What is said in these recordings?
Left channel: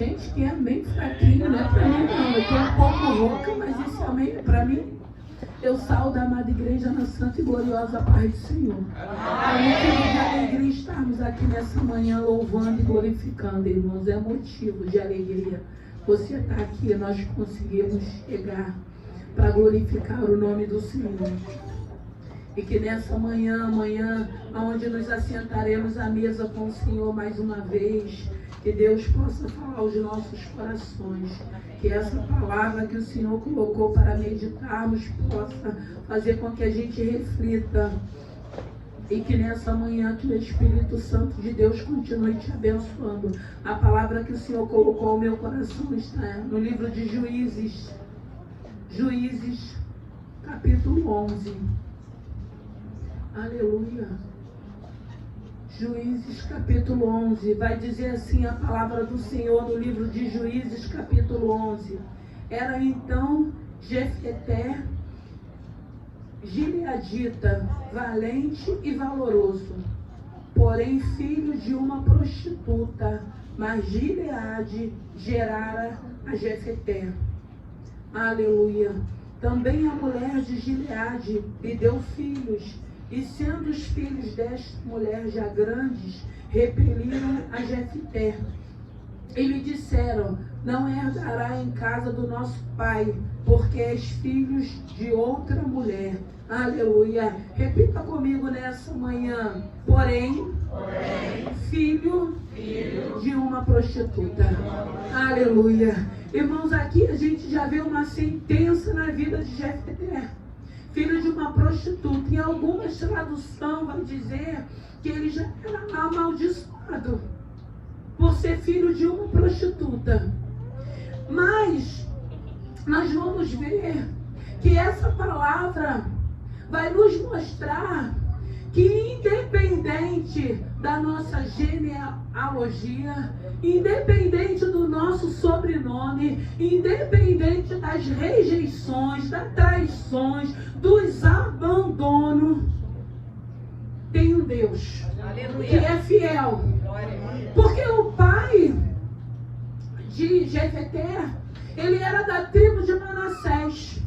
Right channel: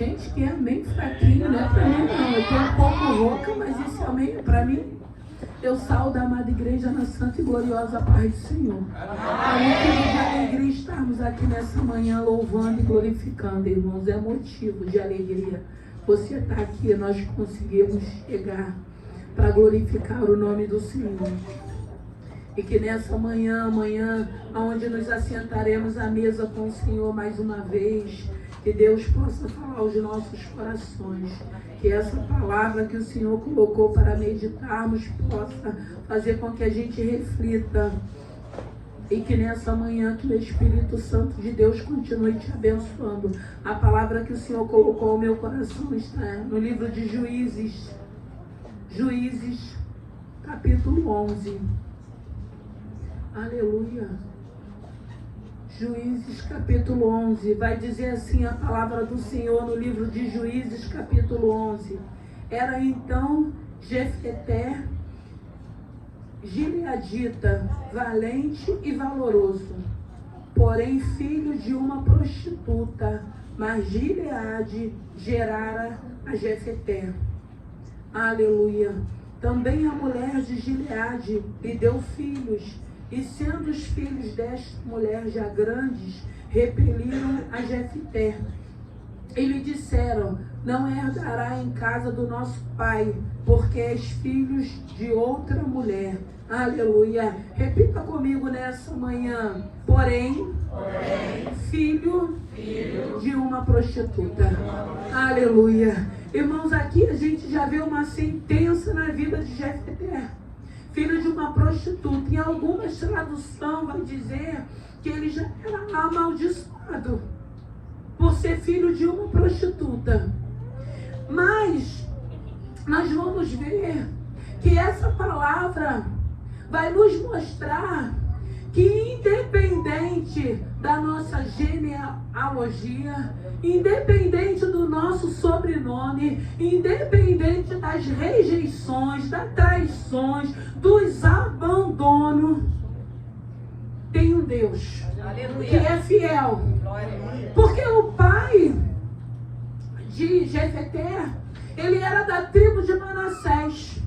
Gente, que é meio fraquinho, não é para mim não. Eu tenho um pouco rouca, mas isso é meio para mim. Eu saúdo a amada igreja na santa e gloriosa paz do Senhor. É alegria estarmos aqui nessa manhã louvando e glorificando, irmãos. É motivo de alegria. Você está aqui, nós conseguimos chegar para glorificar o nome do Senhor. E que nessa manhã, onde nos assentaremos à mesa com o Senhor mais uma vez, que Deus possa falar aos nossos corações. Que essa palavra que o Senhor colocou para meditarmos possa fazer com que a gente reflita. E que nessa manhã que o Espírito Santo de Deus continue te abençoando. A palavra que o Senhor colocou ao meu coração está no livro de Juízes. Juízes, capítulo 11. Aleluia. Juízes capítulo 11, vai dizer assim a palavra do Senhor no livro de Juízes capítulo 11. Era então Jefté, gileadita, valente e valoroso, porém filho de uma prostituta, mas Gileade gerara a Jefté. Aleluia. Também a mulher de Gileade lhe deu filhos, e sendo os filhos desta mulher já grandes, repeliram a Jefté. E lhe disseram: não herdará em casa do nosso pai, porque és filhos de outra mulher. Aleluia. Repita comigo nessa manhã. Porém filho de uma prostituta. Aleluia. Irmãos, aqui a gente já vê uma sentença na vida de Jefté. Filho de uma prostituta. Em algumas traduções vai dizer que ele já era amaldiçoado por ser filho de uma prostituta. Mas nós vamos ver que essa palavra vai nos mostrar que independente da nossa genealogia, independente do nosso sobrenome, independente das rejeições, das traições, dos abandonos, tem um Deus que é fiel. Porque o pai de Jefté, ele era da tribo de Manassés.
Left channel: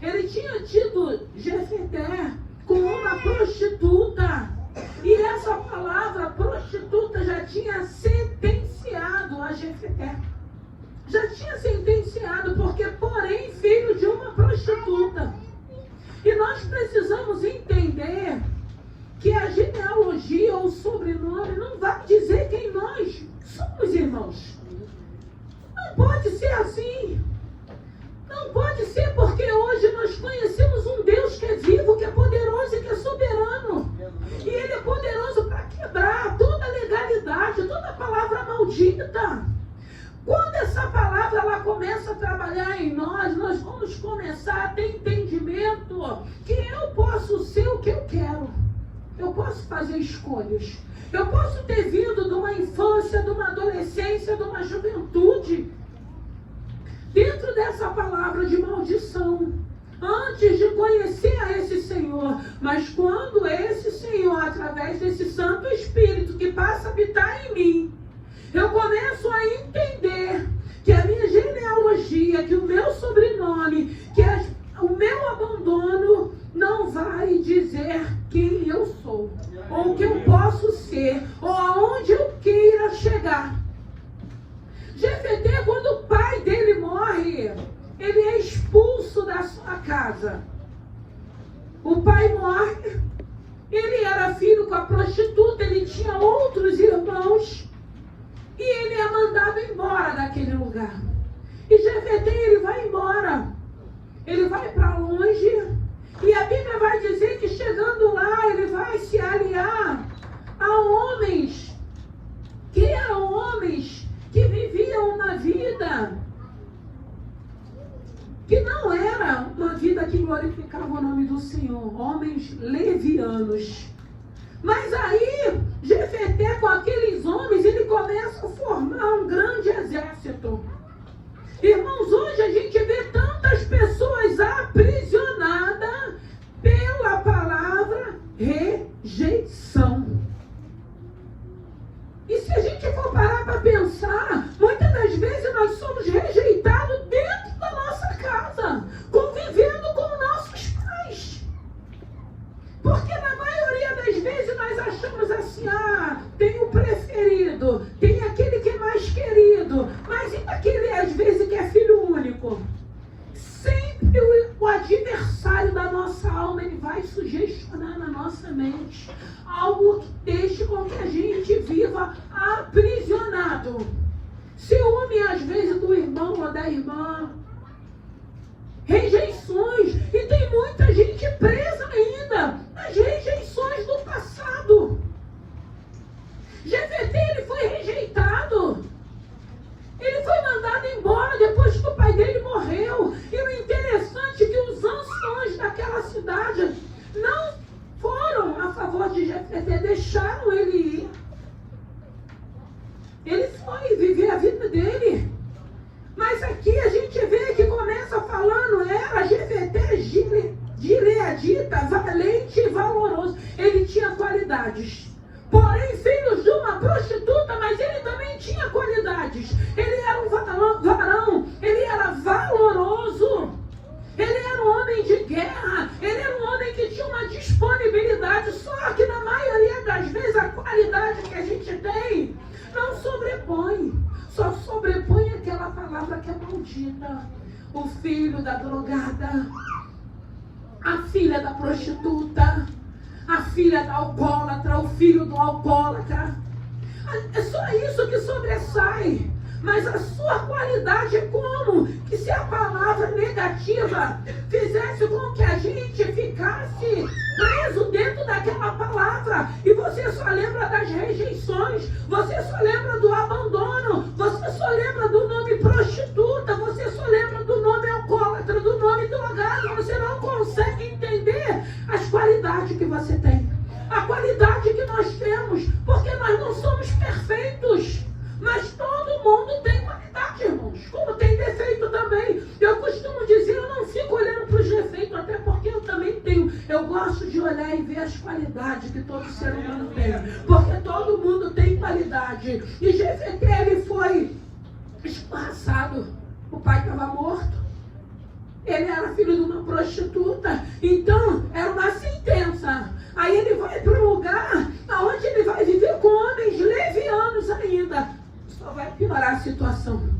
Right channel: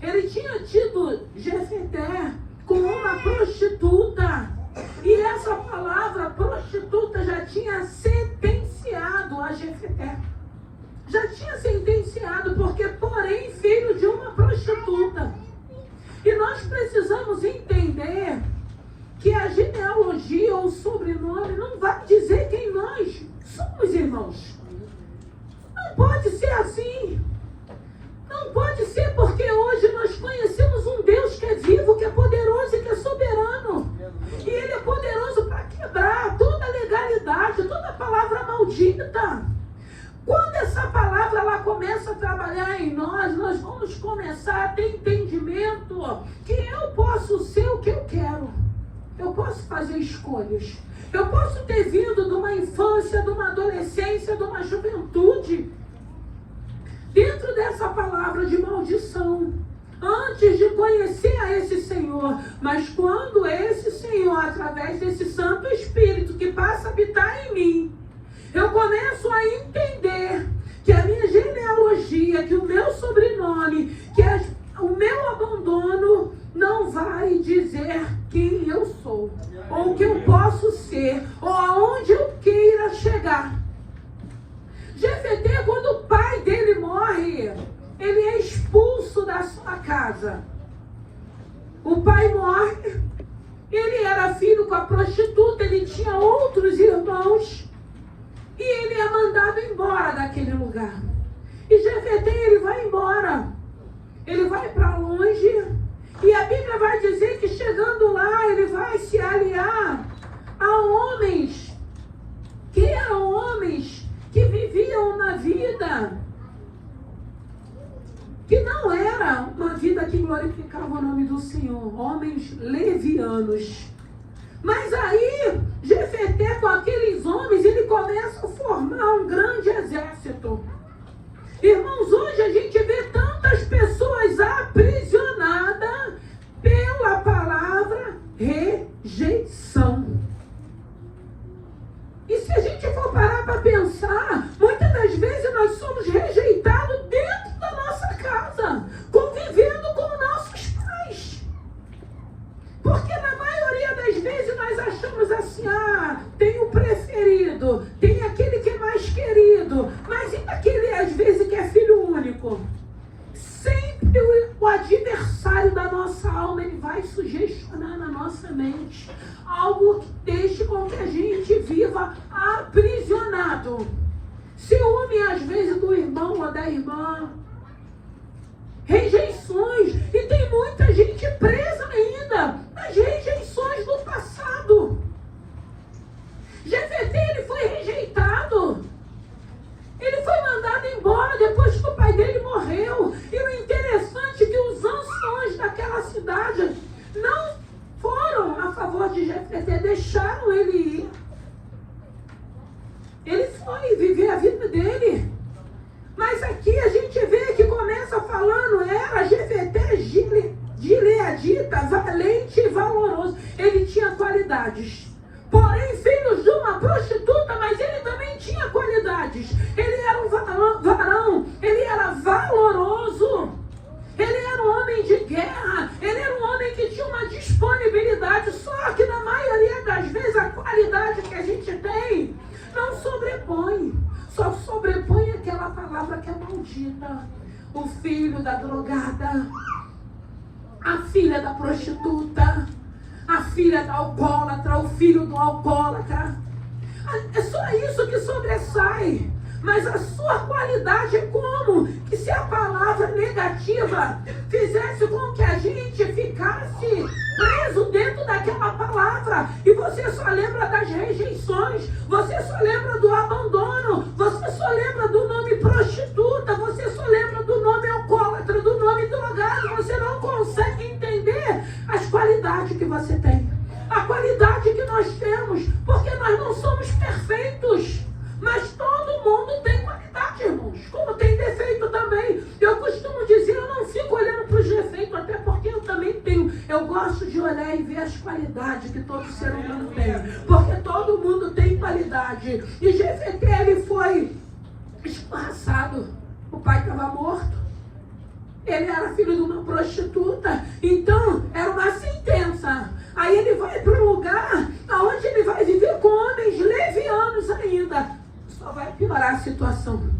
Ele tinha tido Jefté com uma prostituta. E essa palavra prostituta já tinha sentenciado a Jefté. Já tinha sentenciado, porque porém filho de uma prostituta. E nós precisamos entender que a genealogia ou o sobrenome não vai dizer quem nós somos, irmãos. Não pode ser assim. Não pode ser, porque hoje nós conhecemos um Deus que é vivo, que é poderoso e que é soberano. E Ele é poderoso para quebrar toda legalidade, toda palavra maldita. Quando essa palavra ela começa a trabalhar em nós, nós vamos começar a ter entendimento que eu posso ser o que eu quero. Eu posso fazer escolhas. Eu posso ter vindo de uma infância, de uma adolescência, de uma juventude dentro dessa palavra de maldição, antes de conhecer a esse Senhor. Mas quando esse Senhor, através desse Santo Espírito que passa a habitar em mim, eu começo a entender que a minha genealogia, que o meu sobrenome, que o meu abandono não vai dizer quem eu sou, ou o que eu posso ser, ou aonde eu queira chegar. Jefté, quando o pai dele morre, ele é expulso da sua casa. O pai morre, ele era filho com a prostituta, ele tinha outros irmãos, e ele é mandado embora daquele lugar. E Jefté, ele vai embora, ele vai para longe, e a Bíblia vai dizer que chegando lá, ele vai se aliar a homens, que eram homens que viviam uma vida que não era uma vida que glorificava o nome do Senhor, homens levianos. Mas aí, Jefté, com aqueles homens, ele começa a formar um grande exército. Irmãos, hoje a gente vê tantas pessoas aprisionadas pela palavra rejeição. E se a gente for parar para pensar, muitas das vezes amado, mas e daquele, às vezes, que é filho único? Sempre o adversário da nossa alma, ele vai sugestionar na nossa mente algo que deixe com que a gente viva aprisionado. Ciúme, às vezes, do irmão ou da irmã. Rejeições. E tem muita gente presa ainda nas rejeições do passado. Jefté, ele foi rejeitado. Ele foi mandado embora depois que o pai dele morreu. E o interessante é que os anciões daquela cidade não foram a favor de Jefté, deixaram ele ir. Ele foi viver a vida dele. Mas aqui a gente vê que começa falando, era Jefté gileadita, valente e valoroso. Ele tinha qualidades. Porém, filhos de uma prostituta, mas ele também tinha qualidades. Ele era um varão, ele era valoroso. Ele era um homem de guerra, ele era um homem que tinha uma disponibilidade. Só que na maioria das vezes a qualidade que a gente tem não sobrepõe. Só sobrepõe aquela palavra que é maldita. O filho da drogada, a filha da prostituta, a filha da alcoólatra, o filho do alcoólatra. É só isso que sobressai. Mas a sua qualidade é como que se a palavra negativa fizesse com que a gente ficasse preso dentro daquela palavra. E você só lembra das rejeições, você só lembra do abandono, você só lembra do nome prostituta, você só lembra do nome alcoólatra, do nome drogado. Você não consegue entender as qualidades que você tem. A qualidade que nós temos, porque nós não somos perfeitos. Mas todo mundo tem qualidade, irmãos. Como tem defeito também. Eu costumo dizer, eu não fico olhando para os defeitos, até porque eu também tenho. Eu gosto de olhar e ver as qualidades que todo ser humano tem. Porque todo mundo tem qualidade. E Jefté, ele foi esparraçado. O pai estava morto. Ele era filho de uma prostituta. Então, era uma sentença. Aí ele vai para um lugar onde ele vai viver com homens levianos ainda. Só vai piorar a situação.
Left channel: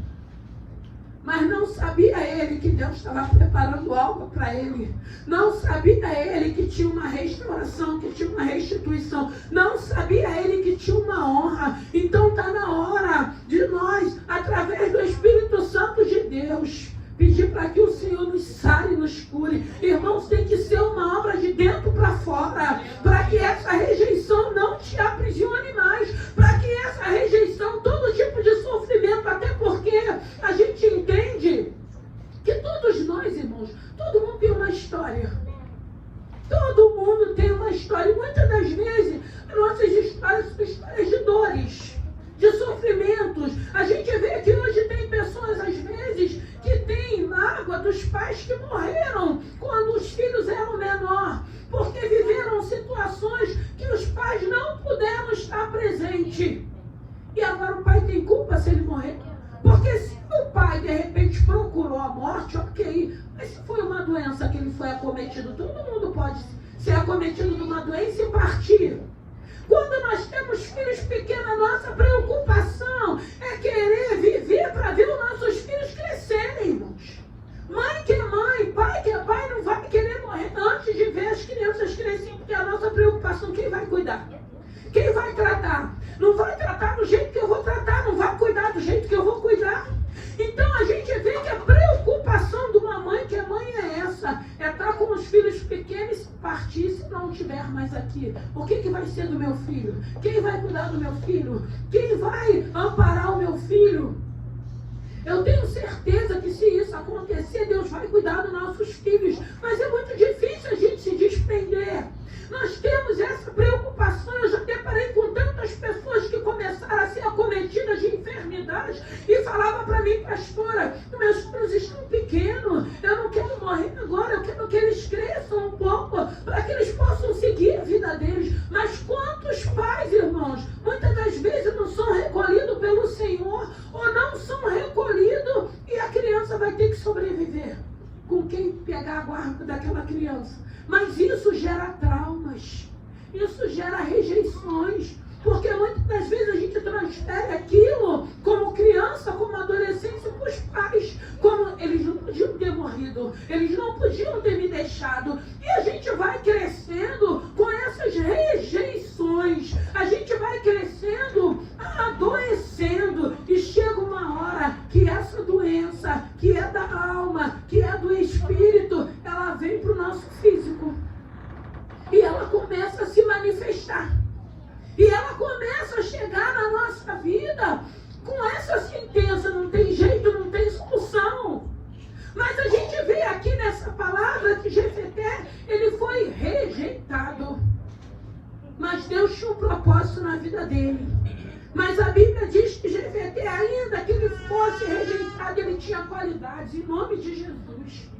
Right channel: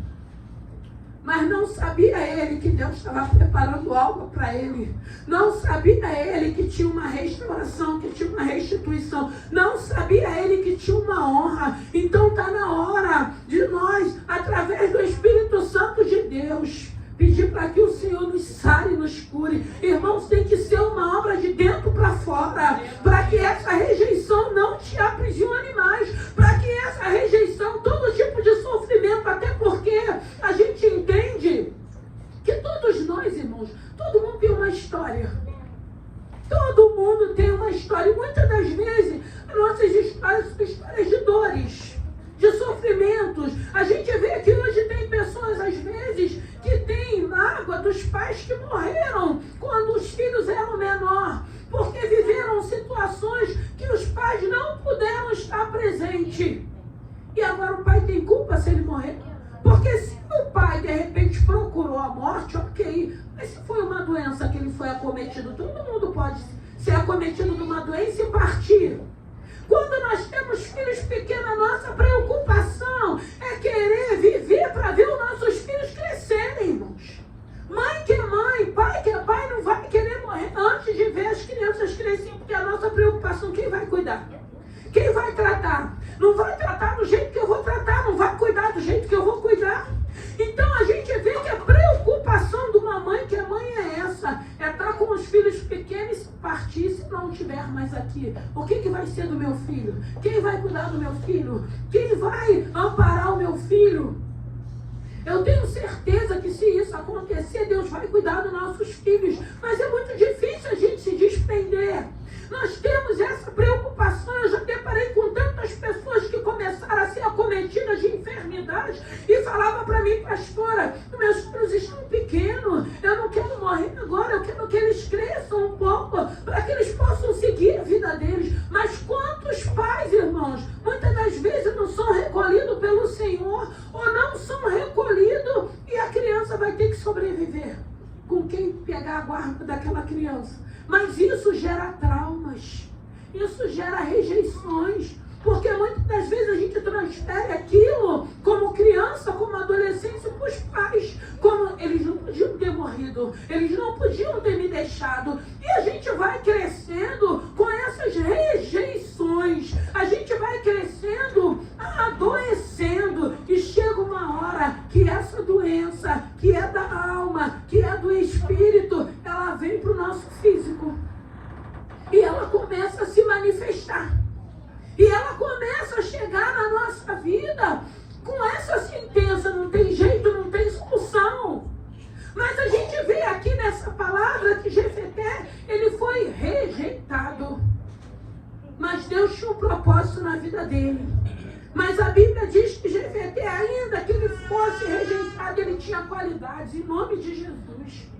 Mas não sabia ele que Deus estava preparando algo para ele. Não sabia ele que tinha uma restauração, que tinha uma restituição. Não sabia ele que tinha uma honra. Então está na hora de nós, através do Espírito Santo de Deus, pedir para que o Senhor nos sare e nos cure. Irmãos, tem que ser uma obra de dentro para fora, para que essa rejeição não te aprisione mais, para que essa rejeição, todo tipo de sofrimento, até porque a gente entende que todos nós, irmãos, todo mundo tem uma história. Todo mundo tem uma história. E muitas das vezes, nossas histórias são histórias de dores, de sofrimentos. A gente vê que hoje tem pessoas, às vezes, que têm mágoa dos pais que morreram quando os filhos eram menores, porque viveram situações que os pais não puderam estar presentes. E agora o pai tem culpa se ele morrer? Porque se o pai, de repente, procurou a morte, ok. Mas se foi uma doença que ele foi acometido, todo mundo pode ser acometido de uma doença e partir. Quando nós temos filhos pequenos, a nossa preocupação é querer viver para ver os nossos filhos crescerem, irmãos. Mãe que é mãe, pai que é pai, não vai querer morrer antes de ver as crianças crescerem, porque a nossa preocupação, quem vai cuidar? Quem vai tratar? Não vai tratar do jeito que eu vou tratar, não vai cuidar do jeito que eu vou cuidar. Então a gente vê que a preocupação de uma mãe, que a mãe é essa, é estar com os filhos pequenos, partir se não estiver mais aqui. O que vai ser do meu filho? Quem vai cuidar do meu filho? Quem vai amparar o meu filho? Eu tenho certeza que se isso acontecer, Deus vai cuidar dos nossos filhos. Mas é muito difícil a gente se desprender. Nós temos essa preocupação. Eu já deparei com tantas pessoas que começaram a ser acometidas de enfermidades e falavam para mim, pastora, meus filhos estão pequenos, eu não quero morrer agora, eu quero que eles cresçam um pouco, para que eles possam seguir a vida deles. Mas quantos pais, irmãos, muitas das vezes não são recolhidos pelo Senhor, ou não são recolhidos, e a criança vai ter que sobreviver com quem pegar a guarda daquela criança. Mas isso gera traumas, isso gera rejeições, porque muitas das vezes a gente transfere aquilo como criança, como que essa doença, que é da alma, que é do espírito, ela vem para o nosso físico. E ela começa a se manifestar. E ela começa a chegar na nossa vida com essa sentença, não tem jeito, não tem solução. Mas a gente vê aqui nessa palavra que Jefté, ele foi rejeitado. Mas Deus tinha um propósito na vida dele. Mas a Bíblia diz que Jefté, ainda que ele fosse rejeitado, ele tinha qualidades. Em nome de Jesus.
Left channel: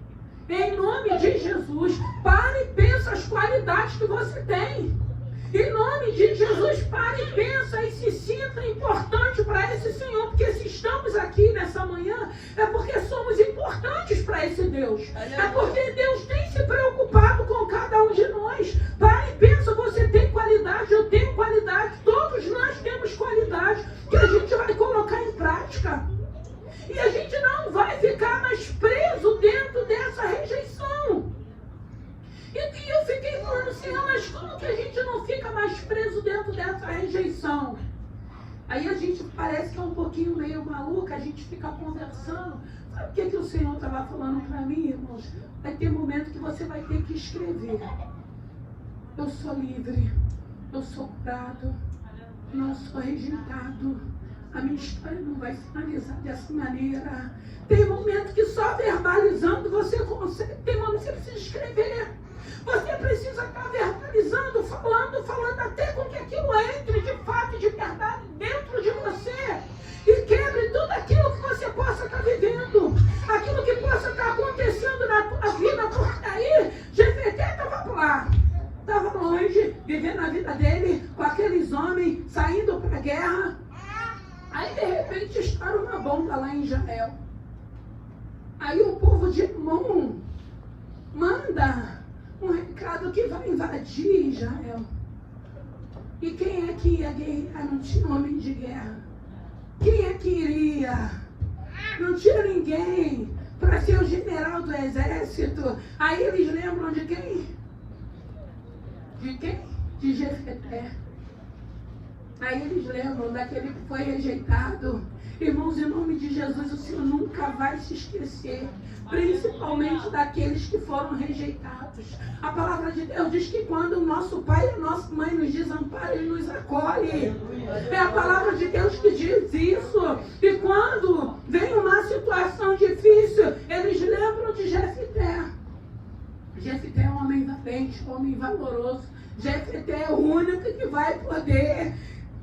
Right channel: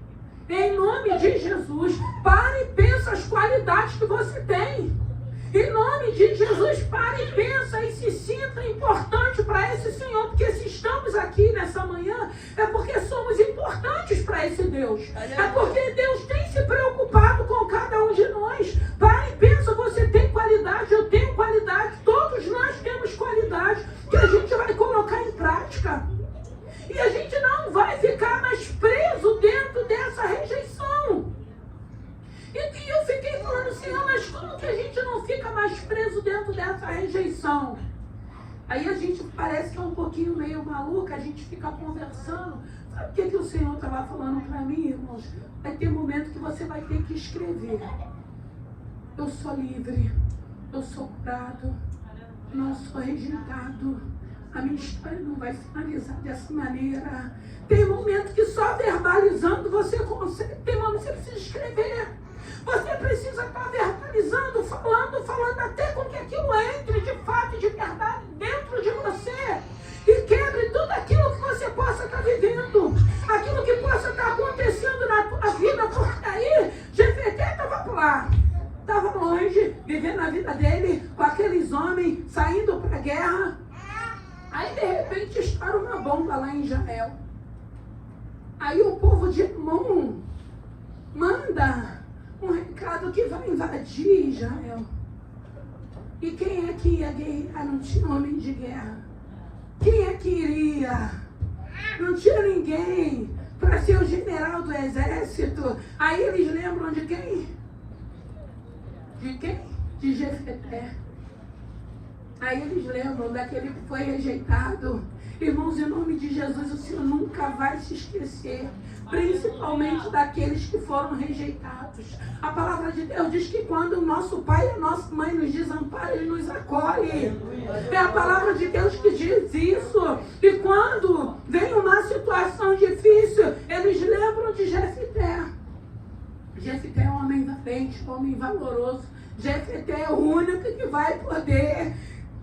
Em nome de Jesus. Pare e pensa as qualidades que você tem. Em nome de Jesus, pare e pensa e se sinta importante para esse Senhor. Porque se estamos aqui nessa manhã, é porque somos importantes para esse Deus. É porque Deus tem se preocupado com cada um de nós. Pare e pensa, você tem qualidade, eu tenho qualidade, todos nós temos qualidade que a gente vai colocar em prática. E a gente não vai ficar mais preso dentro dessa rejeição. E eu fiquei falando assim, mas como que a gente não fica mais preso dentro dessa rejeição? Aí a gente parece que é um pouquinho meio maluca, a gente fica conversando. Sabe o que o Senhor estava falando para mim, irmãos? Vai ter momento que você vai ter que escrever. Eu sou livre, eu sou curado, não sou rejeitado. A minha história não vai finalizar dessa maneira. Tem momento que só verbalizando você consegue. Tem momento que você precisa escrever. Você precisa estar verbalizando, falando até com que aquilo entre de fato e de verdade dentro de você. E quebre tudo aquilo que você possa estar vivendo. Aquilo que possa estar acontecendo na tua vida. Porque aí, Jefté estava lá. Estava longe, vivendo a vida dele, com aqueles homens, saindo para a guerra. Aí, de repente, estoura uma bomba lá em Israel. Aí o povo de Amon manda um recado que vai invadir Israel. E quem é que ia guerrear? Não tinha homem de guerra. Quem é que iria? Não tinha ninguém para ser o general do exército. Aí eles lembram de quem? De quem? De Jefté. Aí eles lembram daquele que foi rejeitado. Irmãos, em nome de Jesus, o Senhor nunca vai se esquecer, principalmente daqueles que foram rejeitados. A palavra de Deus diz que quando o nosso pai e a nossa mãe nos desamparam, Ele nos acolhe. É a palavra de Deus que diz isso. E quando vem uma situação difícil, eles lembram de Jefté. Jefté é um homem valente, um homem valoroso. Jefté é o único que vai poder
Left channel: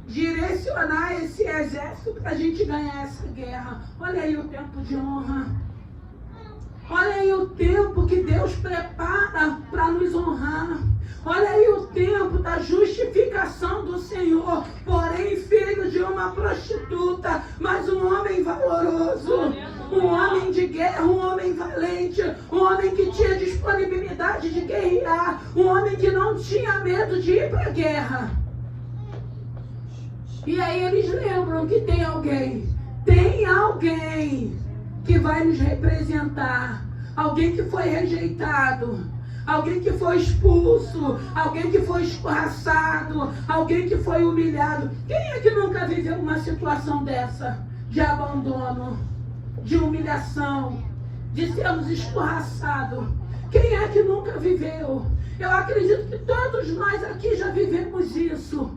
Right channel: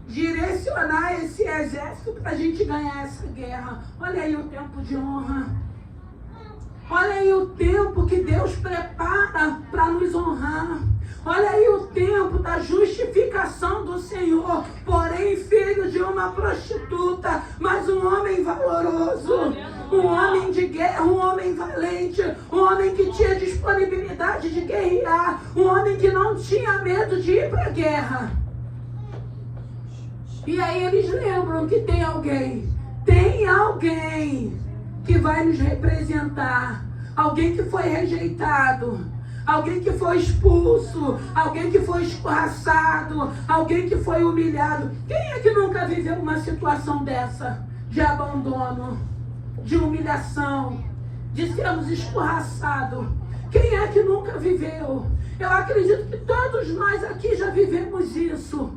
direcionar esse exército para a gente ganhar essa guerra. Olha aí o tempo de honra. Olha aí o tempo que Deus prepara para nos honrar. Olha aí o tempo da justificação do Senhor. Porém, filho de uma prostituta, mas um homem valoroso, um homem de guerra, um homem valente, um homem que tinha disponibilidade de guerrear, um homem que não tinha medo de ir para a guerra. E aí eles lembram que tem alguém que vai nos representar, alguém que foi rejeitado, alguém que foi expulso, alguém que foi escorraçado, alguém que foi humilhado. Quem é que nunca viveu uma situação dessa? De abandono, de humilhação, de sermos escorraçados. Quem é que nunca viveu? Eu acredito que todos nós aqui já vivemos isso.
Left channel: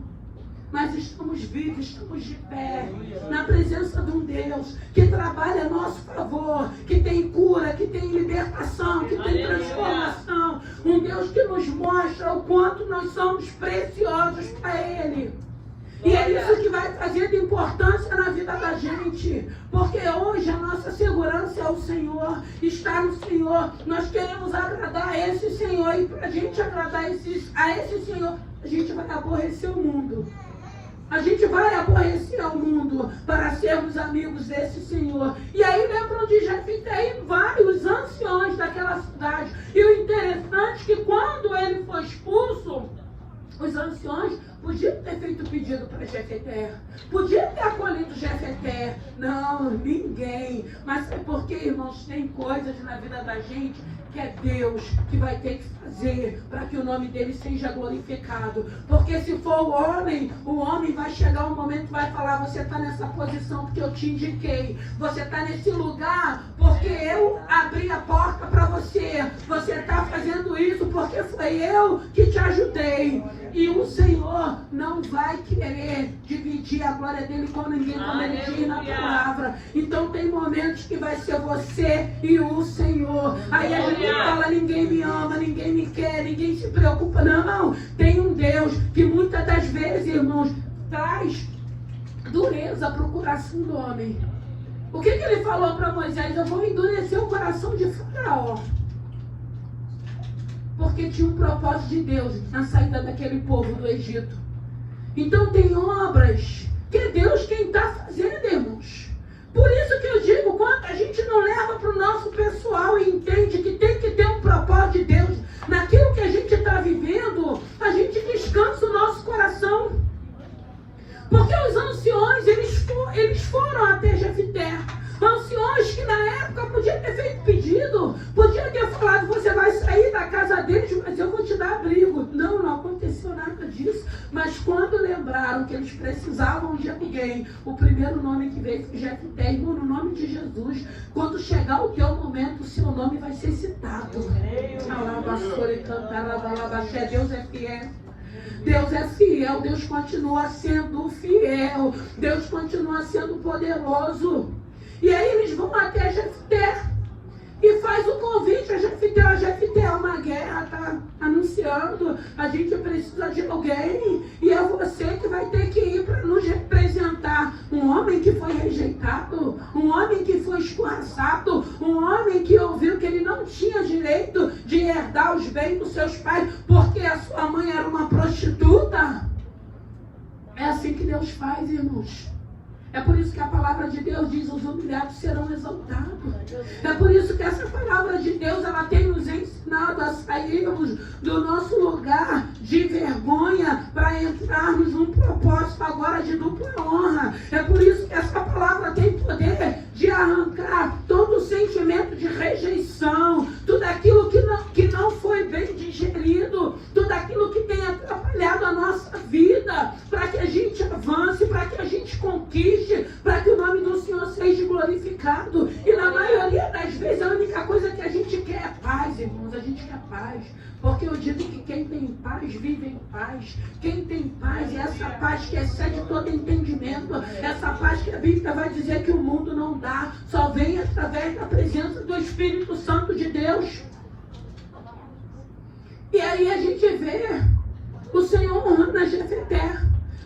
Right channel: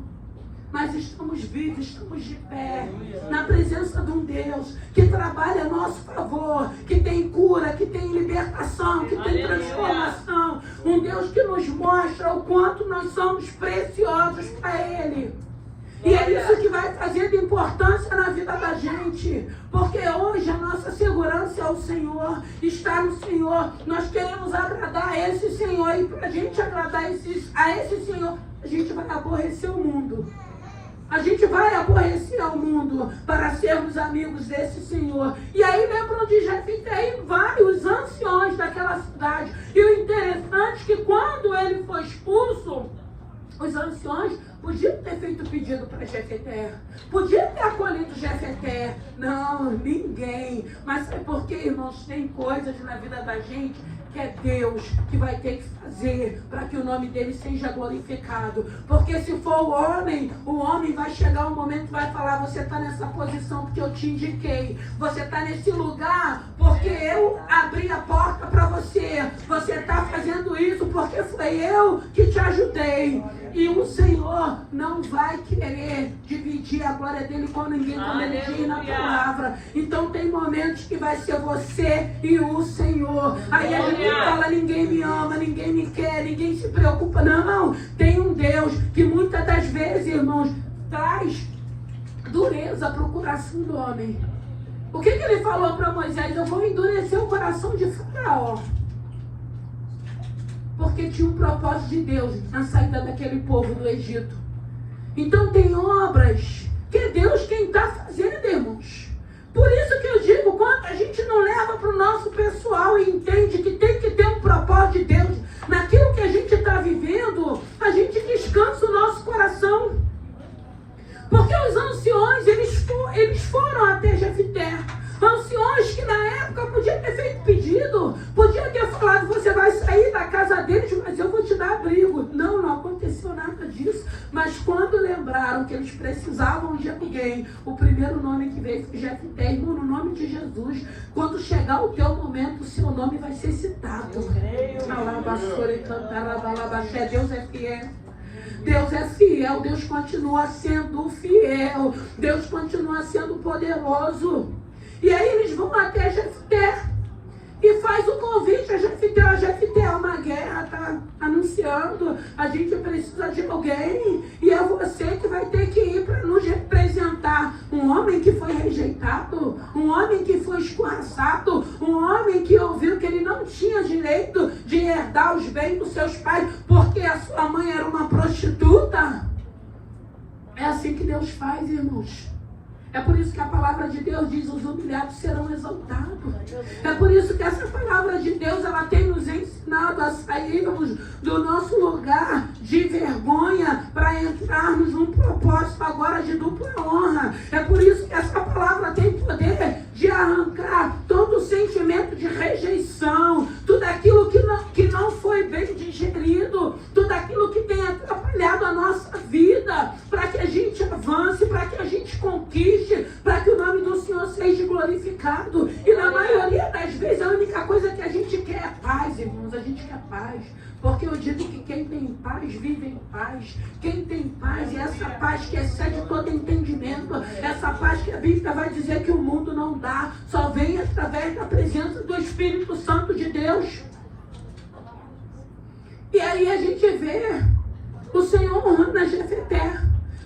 Mas estamos vivos, estamos de pé, na presença de um Deus que trabalha a nosso favor, que tem cura, que tem libertação, que tem transformação. Um Deus que nos mostra o quanto nós somos preciosos para Ele. E é isso que vai trazendo importância na vida da gente. Porque hoje a nossa segurança é o Senhor, está no Senhor. Nós queremos agradar a esse Senhor. E para a gente agradar a esse Senhor, a gente vai aborrecer o mundo. A gente vai aborrecer ao mundo para sermos amigos desse Senhor. E aí lembram de Jefté e vários anciões daquela cidade. E o interessante é que quando ele foi expulso, os anciões podiam ter feito pedido para Jefté. Podiam ter acolhido Jefté. Não, ninguém. Mas sabe por quê, irmãos? Tem coisas na vida da gente que é Deus que vai ter que fazer para que o nome dele seja glorificado. Porque se for o homem vai chegar um momento que vai falar, você está nessa posição porque eu te indiquei. Você está nesse lugar porque eu abri a porta para você. Você está fazendo isso porque foi eu que te ajudei. E o Senhor não vai querer dividir a glória dele com ninguém, como ele diz na palavra. Então tem momentos que vai ser você e o Senhor. Aí a gente fala, ninguém me ama, ninguém me quer, ninguém se preocupa. Não, tem um Deus que muitas das vezes, irmãos, traz dureza para o coração do homem. O que ele falou para Moisés? Eu vou endurecer o coração de Faraó. Porque tinha um propósito de Deus na saída daquele povo do Egito. Então tem obras que é Deus quem está fazendo, irmãos. Por isso que eu digo, quando a gente não leva para o nosso pessoal e entende que tem que ter um propósito de Deus naquilo que a gente está vivendo, a gente descansa o nosso coração. Porque os anciões, eles foram até Jefté. Anciões que na época podiam ter feito pedido, podiam ter falado, você vai sair da casa deles, mas eu vou te dar abrigo. Não aconteceu nada disso. Mas quando lembraram que eles precisavam de alguém, o primeiro nome que veio foi Jefté, irmão, no nome de Jesus. Quando chegar o teu momento, o seu nome vai ser citado. Deus é fiel. Deus é fiel, Deus continua sendo fiel, Deus continua sendo poderoso. E aí eles vão até Jefté e faz o convite a Jefté. Jefté, é uma guerra, está anunciando, a gente precisa de alguém e é você que vai ter que ir para nos representar. Um homem que foi rejeitado, um homem que foi escorraçado, um homem que ouviu que ele não tinha direito de herdar os bens dos seus pais porque a sua mãe era uma prostituta. É assim que Deus faz, irmãos. É por isso que a palavra de Deus diz, os humilhados serão exaltados. É por isso que essa palavra de Deus, ela tem nos ensinado a sairmos do nosso lugar de vergonha para entrarmos num propósito agora de dupla honra. É por isso que essa palavra tem poder de arrancar todo o sentimento de rejeição, tudo aquilo que não foi bem digerido, tudo aquilo que tem atrapalhado a nossa vida, para que a gente avance, para que a gente conquiste, para que o nome do Senhor seja glorificado. E na maioria das vezes a única coisa que a gente quer é paz, irmãos, a gente quer paz. Porque eu digo que quem tem paz vive em paz. Quem tem paz é essa paz que excede todo entendimento. Essa paz que a Bíblia vai dizer que o mundo não dá. Só vem através da presença do Espírito Santo de Deus. E aí a gente vê o Senhor honrando a Jefté.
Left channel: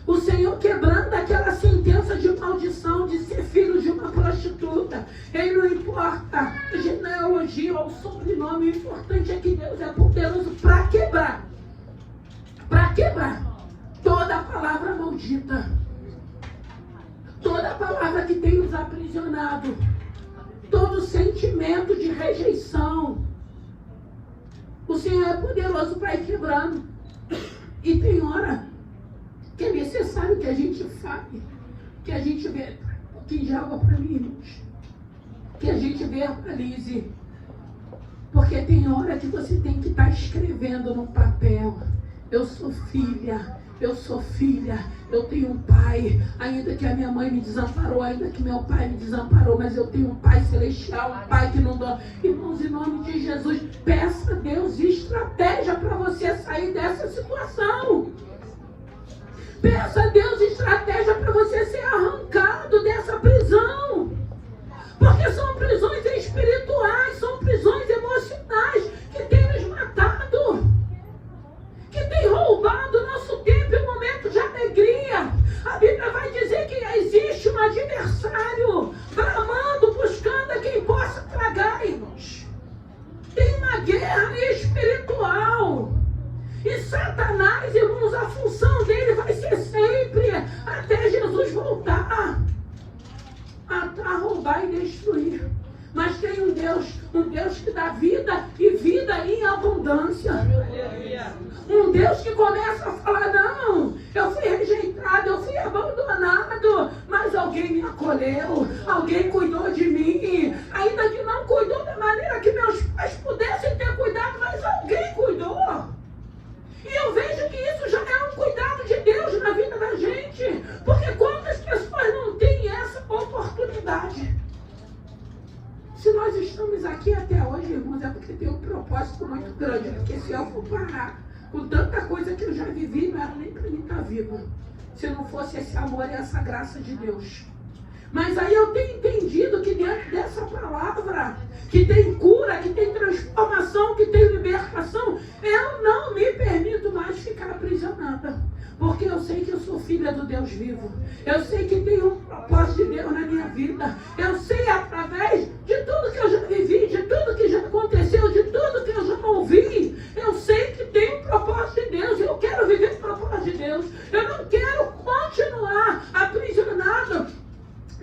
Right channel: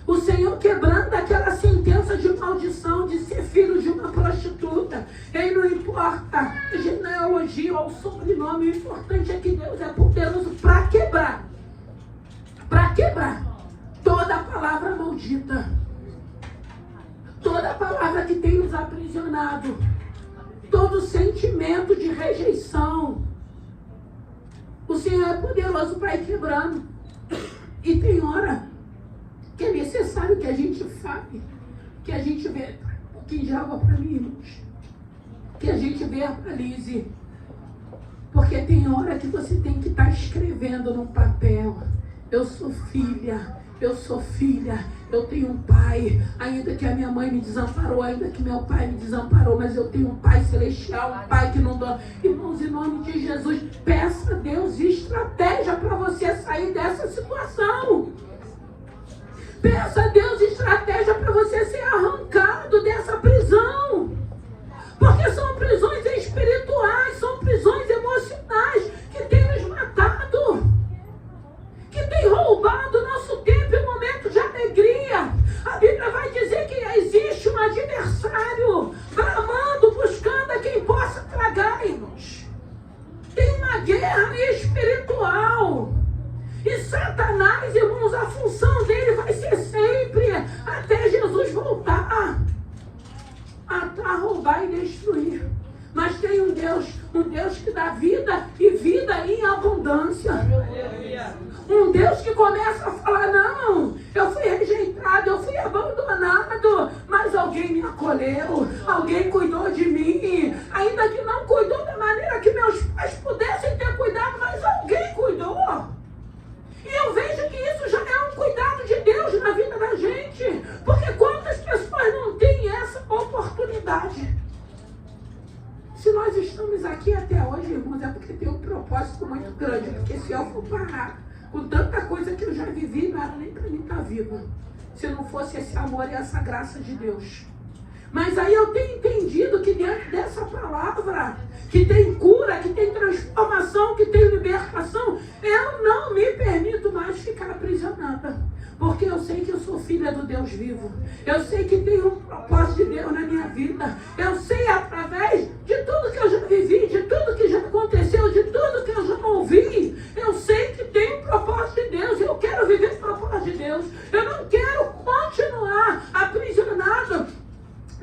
O Senhor quebrando aquela sentença de maldição de ser filho de uma prostituta. Ele não importa. A gente não é elogio ao sobrenome. O importante é que Deus é poderoso para quebrar. Para quebrar toda a palavra maldita. Toda a palavra que tem nos aprisionado. Todo sentimento de rejeição. O Senhor é poderoso para ir quebrando. E tem hora que é necessário que a gente fale, que a gente vê, que joga para mim, irmãos, que a gente verbalize, porque tem hora que você tem que estar escrevendo no papel, eu sou filha, eu tenho um pai, ainda que a minha mãe me desamparou, ainda que meu pai me desamparou, mas eu tenho um pai celestial, um pai que não dá. Irmãos, em nome de Jesus, peça a Deus estratégia para você sair dessa situação. Peça a Deus estratégia para você ser arrancado dessa prisão. Porque são prisões espirituais, são prisões emocionais que têm nos matado. Que têm roubado o nosso tempo e momento de alegria. A Bíblia vai dizer que existe um adversário bramando, buscando a quem possa tragar, irmãos. Tem uma guerra espiritual. E Satanás, irmãos, a função dele vai ser sempre, até Jesus voltar, a roubar e destruir. Mas tem um Deus que dá vida e vida em abundância. Um Deus que começa a falar, não, eu fui rejeitado, eu fui abandonado, mas alguém me acolheu, alguém cuidou de mim, ainda que não cuidou da maneira que meus pais pudessem ter cuidado, mas alguém cuidou. E eu vejo que isso já é um cuidado de Deus na vida da gente. Porque quantas pessoas não têm essa oportunidade? nós estamos aqui até hoje, irmãos, é porque tem um propósito muito grande. Porque se eu for parar com tanta coisa que eu já vivi, não era nem para mim estar viva. Se não fosse esse amor e essa graça de Deus. Mas aí eu tenho entendido que dentro dessa palavra, que tem cura, que tem transformação, que tem libertação, eu não me permito mais ficar aprisionada. Porque eu sei que eu sou filha do Deus vivo. Eu sei que tem um propósito de Deus na minha vida. Eu sei através de tudo que eu já vivi, de tudo que já aconteceu, de tudo que eu já ouvi. Eu sei que tem um propósito de Deus. Eu quero viver o propósito de Deus. Eu não quero continuar aprisionado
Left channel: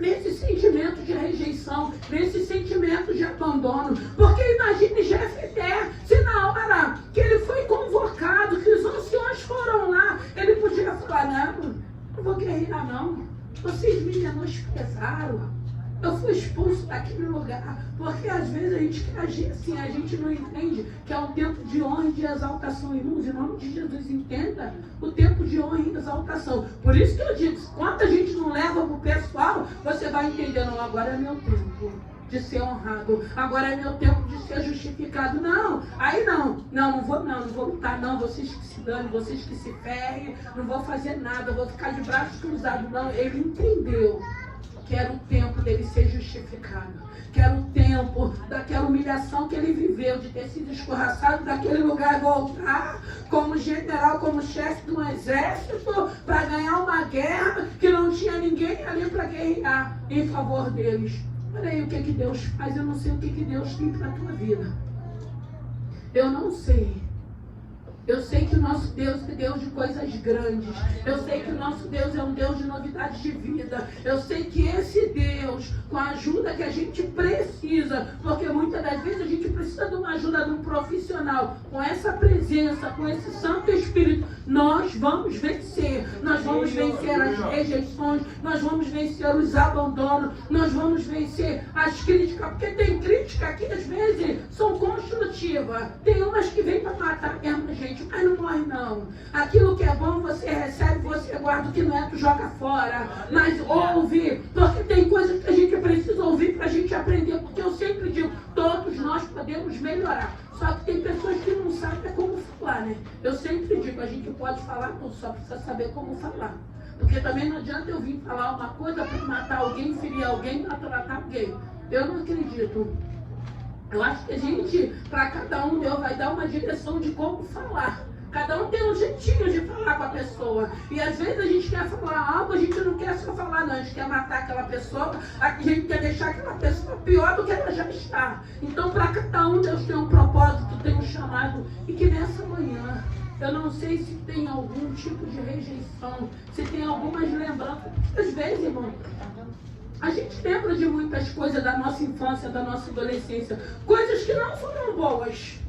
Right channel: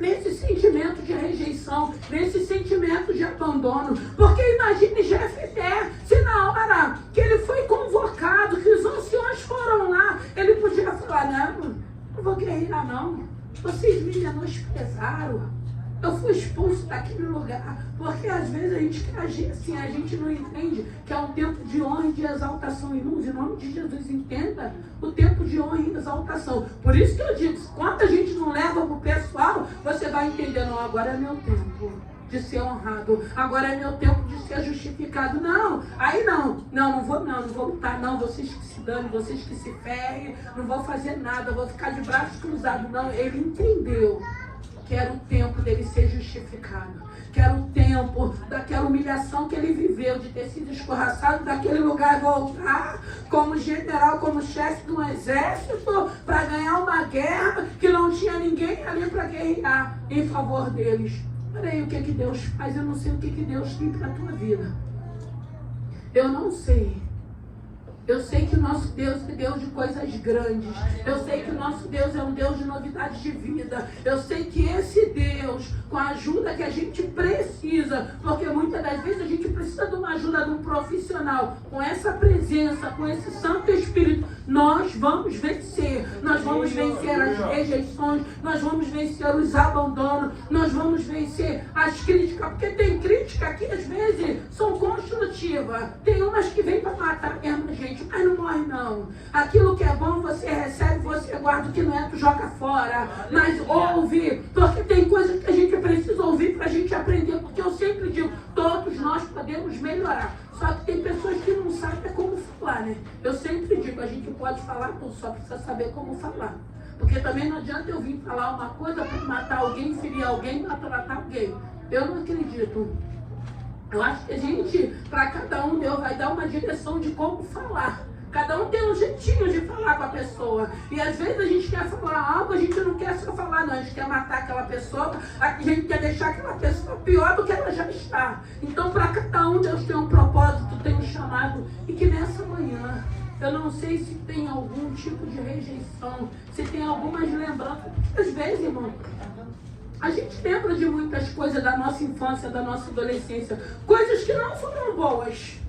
nesse sentimento de rejeição, nesse sentimento de abandono. Porque imagine Jefté, se na hora que ele foi convocado, que os anciões foram lá, ele podia falar, não vou guerrear não, vocês me menosprezaram, eu fui expulso daquele lugar. Porque às vezes a gente age assim, a gente não entende que é um tempo de honra e de exaltação. Irmãos, em nome de Jesus, entenda o tempo de honra e exaltação. Por isso que eu digo, quando a gente não leva para o pessoal, você vai entender, não, agora é meu tempo de ser honrado, agora é meu tempo de ser justificado. Não, aí não vou lutar, não, vocês que se danem, vocês que se ferrem, não vou fazer nada, vou ficar de braços cruzados. Não, ele entendeu que era o tempo dele ser justificado, que era o tempo daquela humilhação que ele viveu, de ter sido escorraçado daquele lugar, voltar como general, como chefe de um exército, para ganhar uma guerra que não tinha ninguém ali para guerrear em favor deles. Olha aí o que Deus faz, eu não sei o que Deus tem para a tua vida. Eu não sei. Eu sei que o nosso Deus é Deus de coisas grandes. Eu sei que o nosso Deus é um Deus de novidade de vida. Eu sei que esse Deus, com a ajuda que a gente precisa, porque muitas das vezes a gente precisa de uma ajuda de um profissional, com essa presença, com esse Santo Espírito, nós vamos vencer. Nós vamos vencer as rejeições, nós vamos vencer os abandonos, nós vamos vencer as críticas, porque tem crítica que às vezes são construtivas. Tem umas que vêm para matar mesmo a gente. Mas não morre não. Aquilo que é bom você recebe, você guarda, o que não é, tu joga fora. Mas ouve, porque tem coisas que a gente precisa ouvir para a gente aprender. Porque eu sempre digo, todos nós podemos melhorar. Só que tem pessoas que não sabem como falar, né? Eu sempre digo, a gente pode falar, não só precisa saber como falar. Porque também não adianta eu vir falar uma coisa para matar alguém, ferir alguém, para tratar alguém. Eu não acredito. Eu acho que a gente, para cada um, Deus vai dar uma direção de como falar. Cada um tem um jeitinho de falar com a pessoa. E às vezes a gente quer falar algo, a gente não quer só falar, não. A gente quer matar aquela pessoa, a gente quer deixar aquela pessoa pior do que ela já está. Então, para cada um, Deus tem um propósito, tem um chamado. E que nessa manhã, eu não sei se tem algum tipo de rejeição, se tem algumas lembranças. Às vezes, irmão, a gente lembra de muitas coisas da nossa infância, da nossa adolescência. Coisas que não foram boas.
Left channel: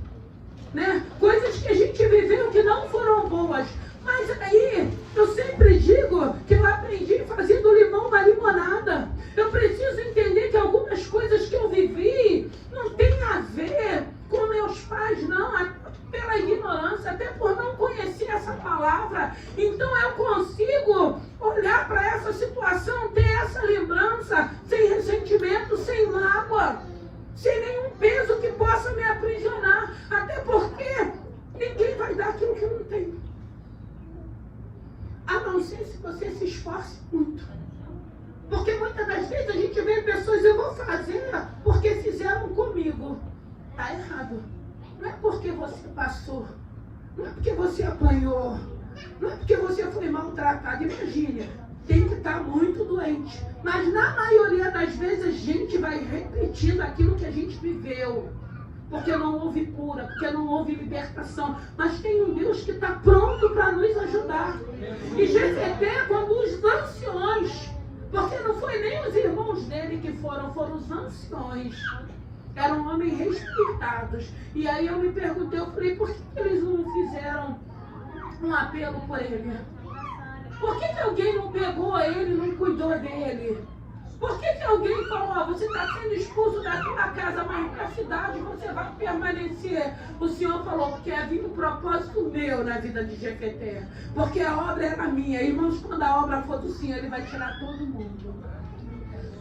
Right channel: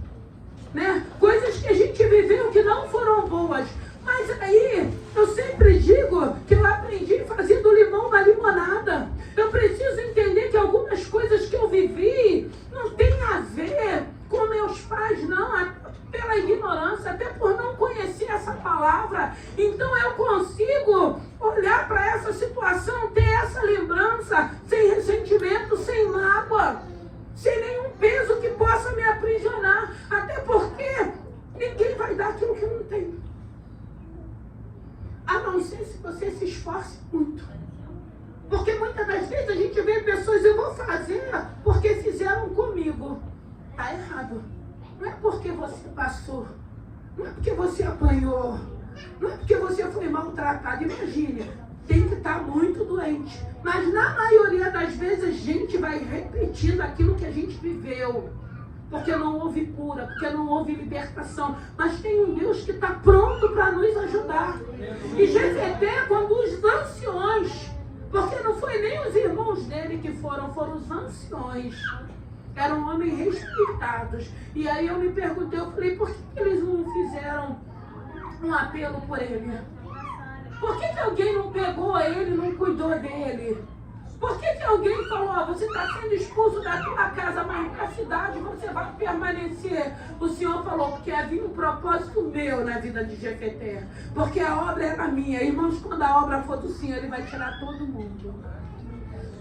Né? Coisas que a gente viveu que não foram boas. Mas aí, eu sempre digo que eu aprendi fazendo limão na limonada. Eu preciso entender que algumas coisas que eu vivi não tem a ver com meus pais, não. Pela ignorância, até por não conhecer essa palavra. Então eu consigo olhar para essa situação, ter essa lembrança, sem ressentimento, sem mágoa, sem nenhum peso que possa me aprisionar. Até porque ninguém vai dar aquilo que não tem. A não ser se você se esforce muito. Porque muitas das vezes a gente vê pessoas, eu vou fazer porque fizeram comigo. Está errado. Não é porque você passou, não é porque você apanhou, não é porque você foi maltratado. Imagine, tem que estar muito doente. Mas na maioria das vezes a gente vai repetindo aquilo que a gente viveu. Porque não houve cura, porque não houve libertação. Mas tem um Deus que está pronto para nos ajudar. E Jefté, quando os anciões, porque não foi nem os irmãos dele que foram os anciões. Eram homens respeitados. E aí eu me perguntei, eu falei, por que eles não fizeram um apelo por ele? Por que alguém não pegou ele, não cuidou dele? Por que alguém falou, você está sendo expulso da tua casa, mas na cidade você vai permanecer? O Senhor falou, porque havia um propósito meu na vida de Jefté. Porque a obra era minha. Irmãos, quando a obra for do Senhor, Ele vai tirar todo mundo.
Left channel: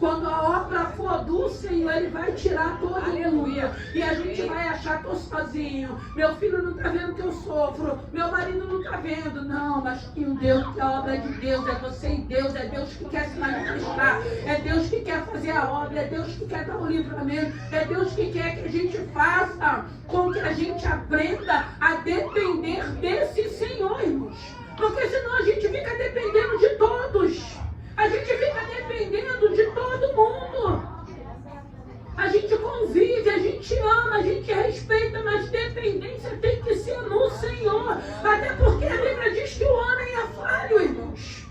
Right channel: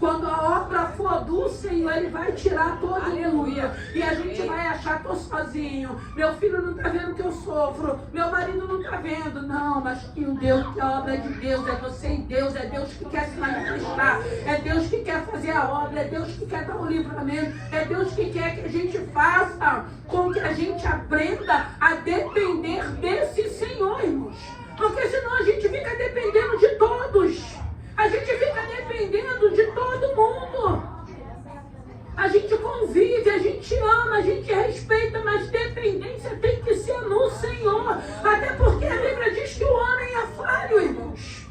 Quando a obra for do Senhor, Ele vai tirar todo mundo. E a gente vai achar que eu sozinho. Meu filho não está vendo que eu sofro. Meu marido não está vendo. Não, mas que o Deus, que a obra é de Deus, é você e Deus. É Deus que quer se manifestar. É Deus que quer fazer a obra. É Deus que quer dar o livramento. É Deus que quer que a gente faça com que a gente aprenda a depender desse Senhor, irmãos. Porque senão a gente fica dependendo de todos. A gente fica dependendo de todo mundo. A gente convive, a gente ama, a gente respeita, mas dependência tem que ser no Senhor. Até porque a Bíblia diz que o homem é falho, irmãos.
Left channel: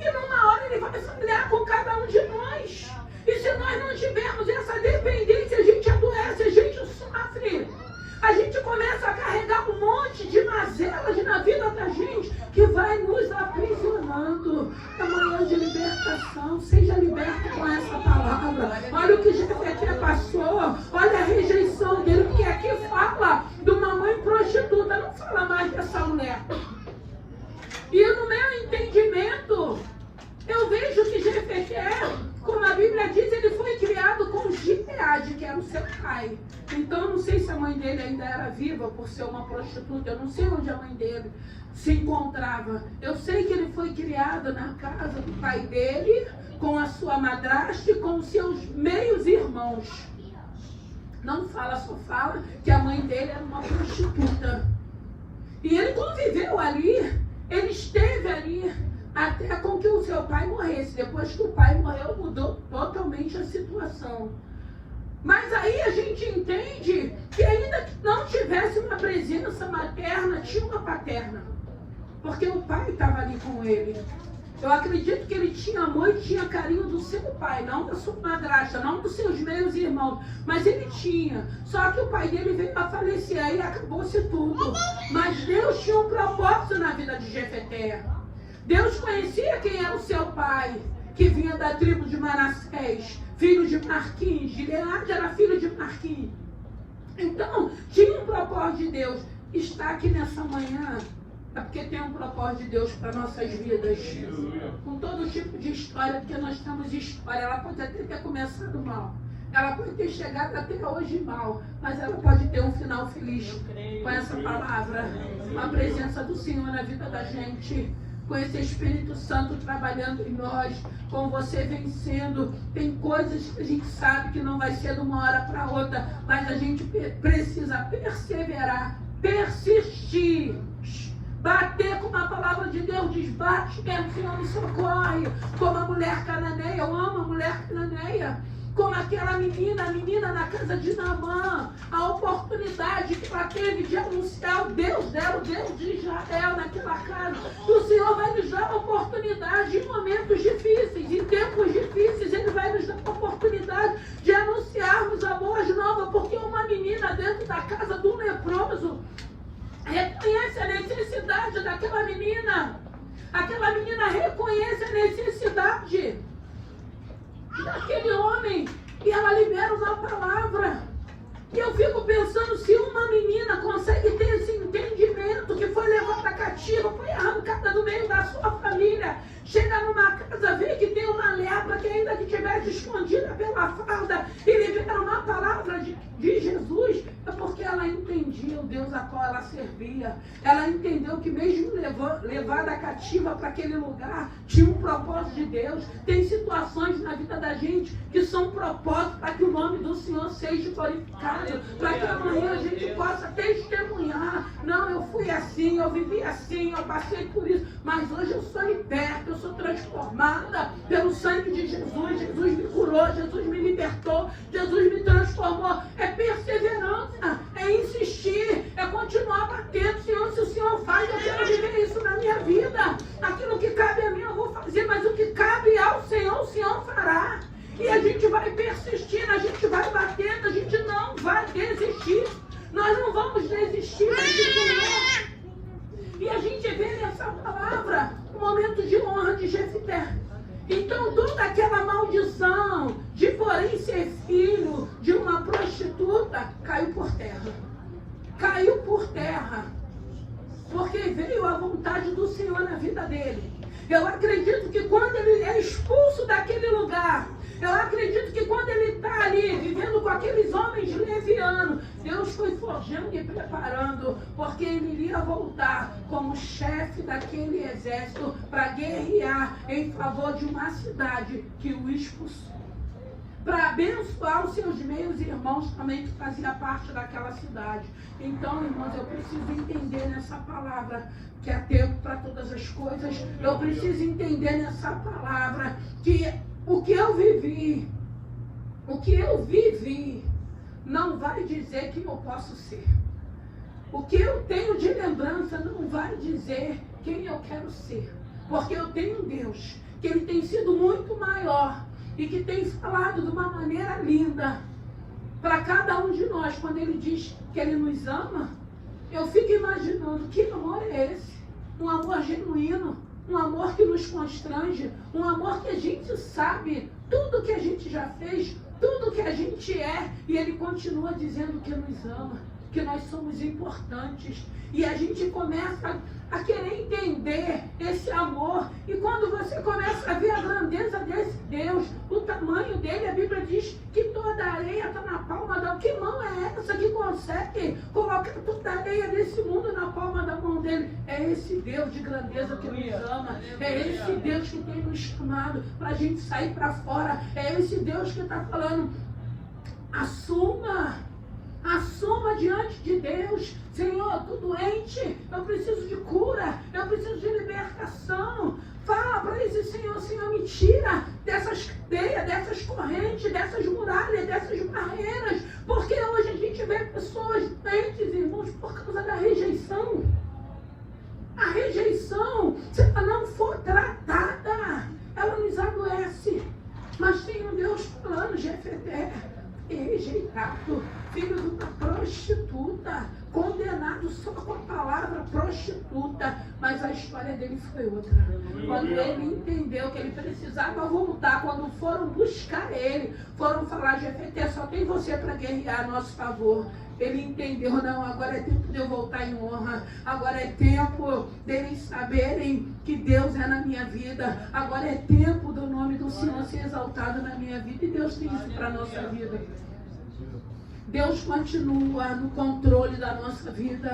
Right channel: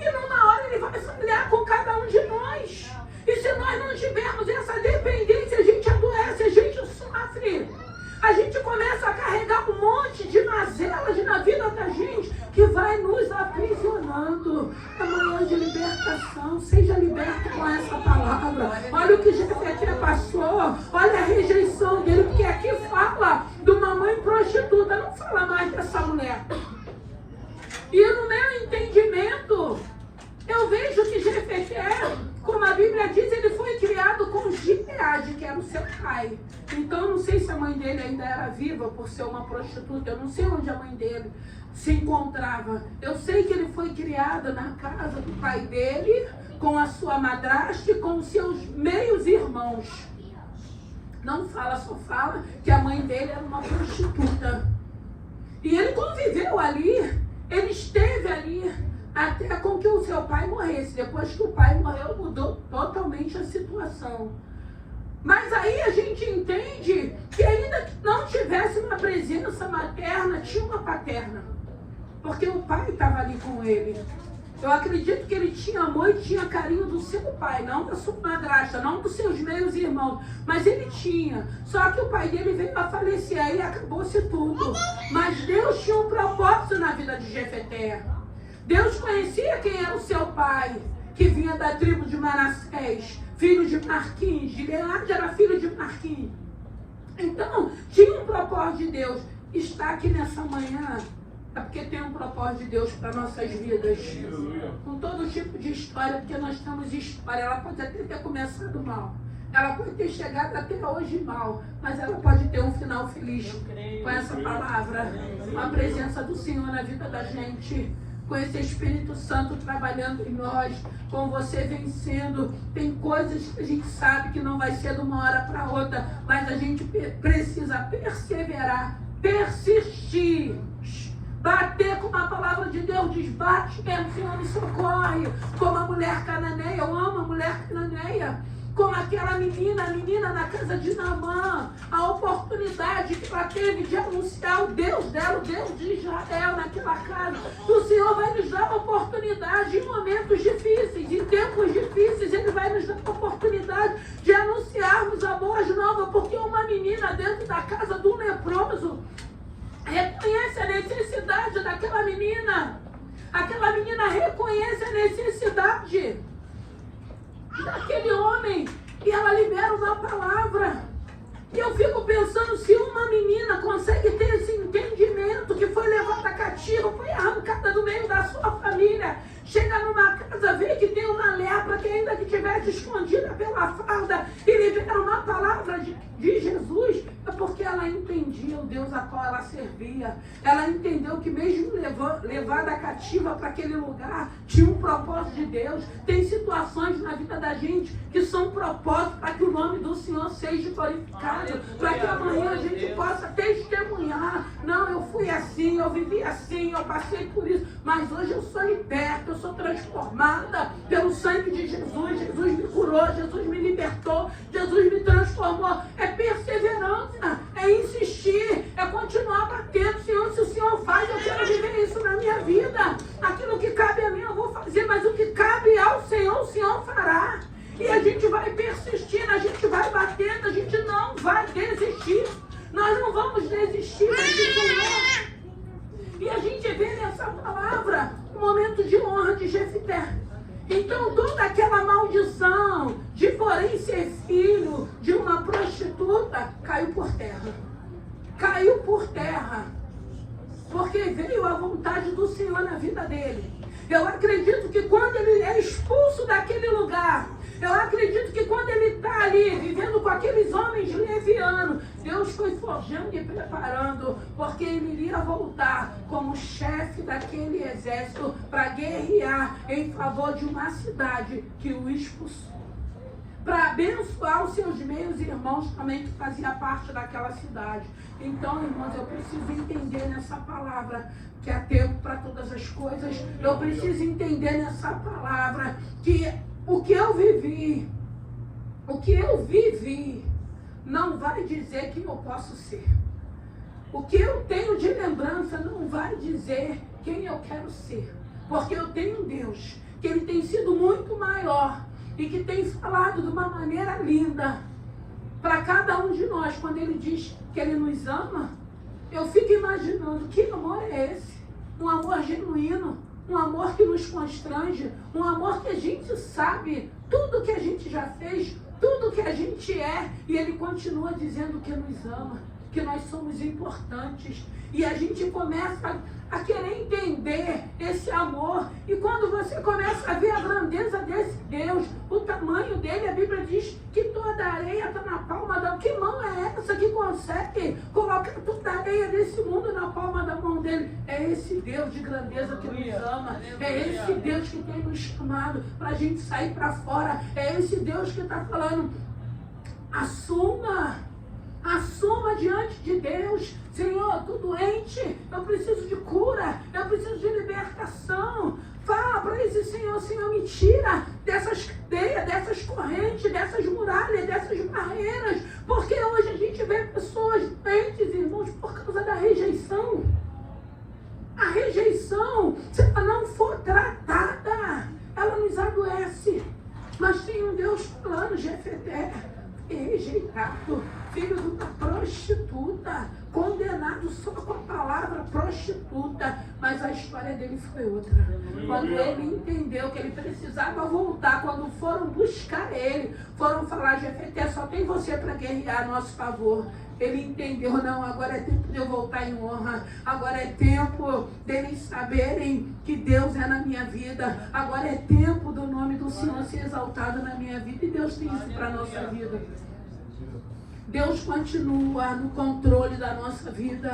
E numa hora ele vai falhar com cada um de nós. E se nós não tivermos essa dependência, a gente adoece, a gente sofre. A gente começa a carregar um monte de mazelas na vida da gente que vai nos aprisionando. Amanhã de libertação, seja liberta com essa palavra. Olha o que Jefté passou, olha a rejeição dele, porque aqui fala de uma mãe prostituta, não fala mais dessa mulher. E no meu entendimento, eu vejo que Jefté, como a Bíblia diz, ele foi criado com Gileade, que era o seu pai. Então, eu não sei se a mãe dele ainda era viva por ser uma prostituta. Eu não sei onde a mãe dele se encontrava. Eu sei que ele foi criado na casa do pai dele, com a sua madrasta e com os seus meios irmãos. Não fala, só fala que a mãe dele era uma prostituta. E ele conviveu ali, ele esteve ali, até com que o seu pai morresse. Depois que o pai morreu, mudou totalmente a situação. Mas aí a gente entende que ainda que não tivesse uma presença materna, tinha uma paterna. Porque o pai estava ali com ele. Eu acredito que ele tinha amor e tinha carinho do seu pai, não da sua madrasta, não dos seus meios irmãos. Mas ele tinha. Só que o pai dele veio a falecer e acabou-se tudo. Mas Deus tinha um propósito na vida de Jefté. Deus conhecia quem era o seu pai, que vinha da tribo de Manassés, filho de Marquim. Gileade era filho de Marquim. Então, tinha um propósito de Deus. Está aqui nessa manhã, é porque tem um propósito de Deus para nossas vidas. Com todo tipo de história, porque nós temos história. Ela pode até ter começado mal. Ela pode ter chegado até hoje mal, mas ela pode ter um final feliz com essa palavra, com a presença do Senhor na vida da gente, com esse Espírito Santo trabalhando em nós, com você vencendo. Tem coisas que a gente sabe que não vai ser de uma hora para outra, mas a gente precisa perseverar, persistir, bater como a palavra de Deus diz, bate, Senhor nos socorre, como a mulher cananeia. Eu amo a mulher cananeia. Como aquela menina, a menina na casa de Naamã, a oportunidade que ela teve de anunciar o Deus dela, o Deus de Israel naquela casa. O Senhor vai nos dar oportunidade em momentos difíceis, em tempos difíceis, Ele vai nos dar oportunidade de anunciarmos a boa nova, porque uma menina dentro da casa do leproso reconhece a necessidade daquela menina. Aquela menina reconhece a necessidade daquele homem, e ela libera uma palavra. E eu fico pensando, se uma menina consegue ter esse entendimento, que foi levada cativa, foi arrancada do meio da sua família, chega numa casa, vê que tem uma lepra que ainda que estivesse escondida pela farda, e libera uma palavra de Jesus, é porque ela entendia o Deus a qual ela servia. Ela entendeu que mesmo levada cativa para aquele lugar, tinha um propósito de Deus. Tem situações na vida da gente que são propósitos para que o nome do Senhor seja glorificado, para que amanhã a gente possa testemunhar. Não, eu fui assim, eu vivi assim, eu passei por isso, mas hoje eu sou liberta, eu sou transformada pelo sangue de Jesus. Jesus me curou, Jesus me libertou, Jesus me transformou. É perseverança, é insistir, é continuar batendo. Senhor, se o Senhor faz, eu quero viver isso na minha vida. Aquilo que cabe a mim eu vou fazer, mas o que cabe ao Senhor, o Senhor fará. E a gente vai persistindo, a gente vai batendo, a gente não vai desistir. Nós não vamos desistir desse Senhor. E a gente vê nessa palavra um momento de honra de Jefté. Então toda aquela maldição de porém ser filho de uma prostituta, foi forjando e preparando, porque ele iria voltar como chefe daquele exército para guerrear em favor de uma cidade que o expulsou, para abençoar os seus meios irmãos também que fazia parte daquela cidade. Então, irmãos, eu preciso entender nessa palavra que há tempo para todas as coisas. Eu preciso entender nessa palavra que o que eu vivi, não vai dizer que eu posso ser. O que eu tenho de lembrança não vai dizer quem eu quero ser. Porque eu tenho um Deus que ele tem sido muito maior e que tem falado de uma maneira linda para cada um de nós. Quando ele diz que ele nos ama, eu fico imaginando que amor é esse? Um amor genuíno, um amor que nos constrange, um amor que a gente sabe tudo que a gente já fez, tudo que a gente é, e ele continua dizendo que nos ama, que nós somos importantes. E a gente começa a querer entender esse amor. E quando você começa a ver a grandeza desse Deus, o tamanho dele, a Bíblia diz que toda a areia está na palma da mão. Que mão é essa que consegue colocar toda a areia desse mundo na palma da mão dele? É esse Deus de grandeza que nos ama. É esse Deus que tem nos chamado para a gente sair para fora. É esse Deus que está falando: assuma diante de Deus. Senhor, eu estou doente, eu preciso de cura, eu preciso de libertação. Fala para esse Senhor: Senhor, me tira dessas cadeias, dessas correntes, dessas muralhas, dessas barreiras. Porque hoje a gente vê pessoas doentes, irmãos, por causa da rejeição. A rejeição, se ela não for tratada, ela nos adoece. Mas tem um Deus falando: Jefté é rejeitado, filho de uma prostituta, condenado só com a palavra prostituta. Mas a história dele foi outra. Quando ele entendeu que ele precisava voltar, quando foram buscar ele, foram falar: Jefté, só tem você para guerrear a nosso favor. Ele entendeu: não, agora é tempo de eu voltar em honra. Agora é tempo deles saberem que Deus é na minha vida. Agora é tempo do nome do Senhor ser exaltado na minha vida. E Deus tem isso para a nossa vida. Deus continua no controle da nossa vida.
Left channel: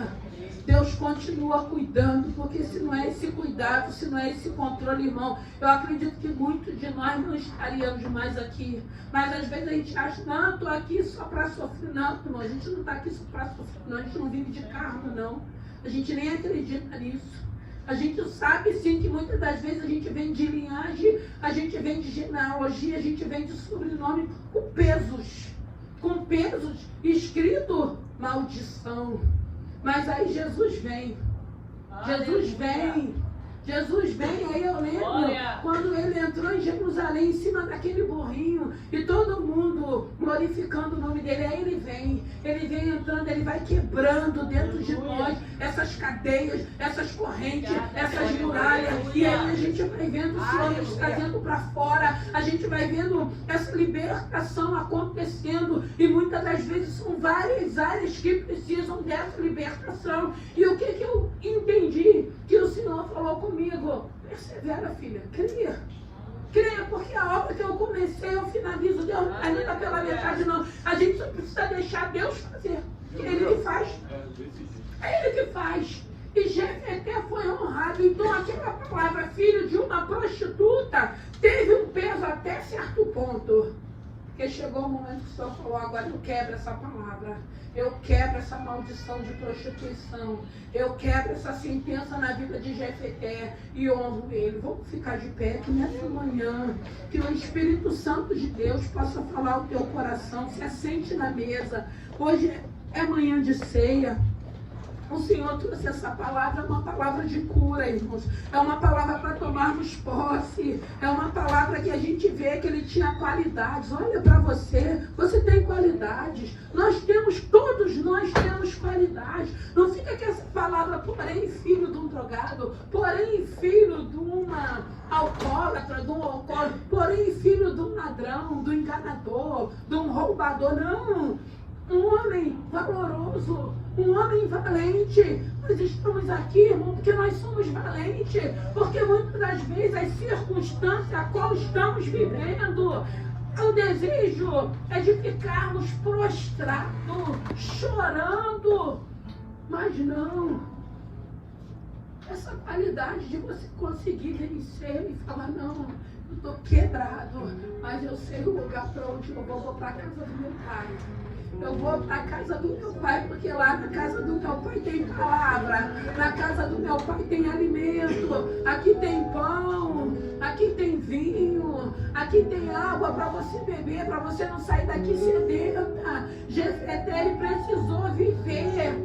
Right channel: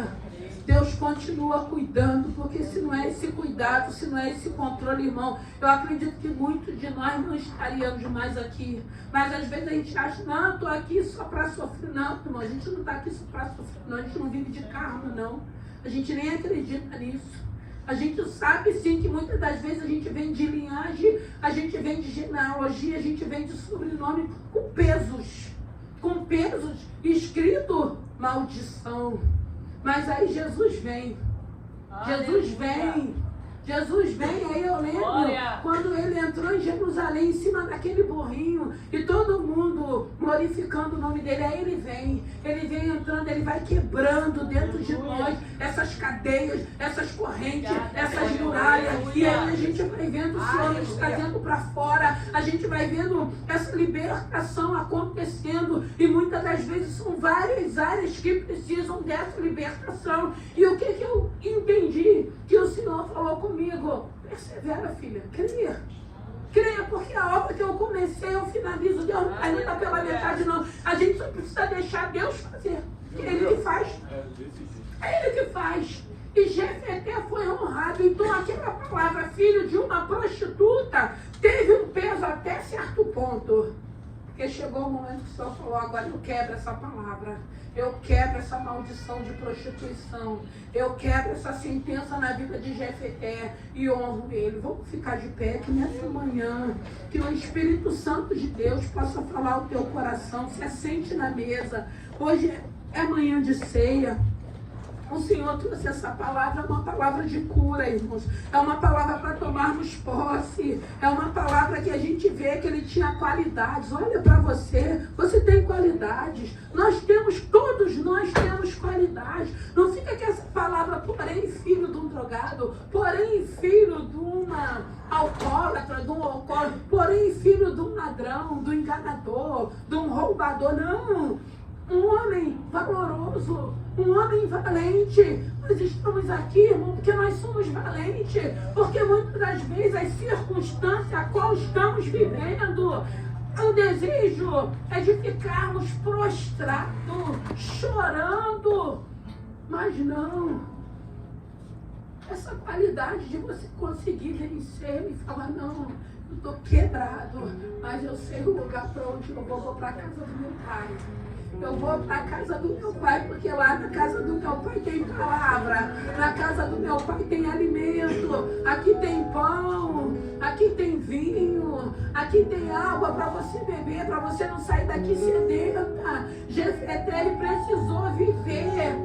Deus continua cuidando, porque se não é esse cuidado, se não é esse controle, irmão, eu acredito que muitos de nós não estaríamos mais aqui. Mas às vezes a gente acha: não, eu estou aqui só para sofrer. Não, irmão, a gente não está aqui só para sofrer, não. A gente não vive de carro, não. A gente nem acredita nisso. A gente sabe sim que muitas das vezes a gente vem de linhagem, a gente vem de genealogia, a gente vem de sobrenome com pesos escrito maldição. Mas aí Jesus vem. Jesus vem, aí eu lembro quando ele entrou em Jerusalém, em cima daquele burrinho, e todo mundo glorificando o nome dele. Aí ele vem entrando, ele vai quebrando dentro de nós essas cadeias, essas correntes, essas muralhas, e aí a gente vai vendo o Senhor nos trazendo para fora, a gente vai vendo essa libertação acontecendo, e muitas das vezes são várias áreas que precisam dessa libertação. E o que eu entendi que o Senhor falou comigo: persevera, filha, creia, porque a obra que eu comecei, eu finalizo. Deus não está pela metade, não. A gente só precisa deixar Deus fazer. É Ele que faz. É Ele que faz. E Jefté foi honrado. Então aquela palavra, filho de uma prostituta, teve um peso até certo ponto. Porque chegou o momento que o Senhor falou: agora eu quebro essa palavra. Eu quebro essa maldição de prostituição. Eu quebro essa sentença na vida de Jefté e honro ele. Vamos ficar de pé que nessa manhã, que o Espírito Santo de Deus possa falar o teu coração. Se assente na mesa. Hoje é manhã de ceia. O Senhor trouxe essa palavra, uma palavra de cura, irmãos. É uma palavra para tomarmos posse. É uma palavra que a gente vê que ele tinha qualidades. Olha para você, você tem qualidades. Todos nós temos qualidades. Não fica com essa palavra: porém filho de um drogado, porém filho de uma alcoólatra, de um alcoólatra, porém filho de um ladrão, de um enganador, de um roubador. Não. Um homem valoroso, um homem valente. Nós estamos aqui, irmão, porque nós somos valentes. Porque muitas das vezes as circunstâncias a qual estamos vivendo, o desejo é de ficarmos prostrados, chorando. quebrado, mas eu sei o lugar para onde eu vou para a casa do meu pai. Eu vou para a casa do meu pai, porque lá na casa do meu pai tem palavra, na casa do meu pai tem alimento, aqui tem pão, aqui tem vinho, aqui tem água para você beber, para você não sair daqui sedenta. Jefté, ele precisou viver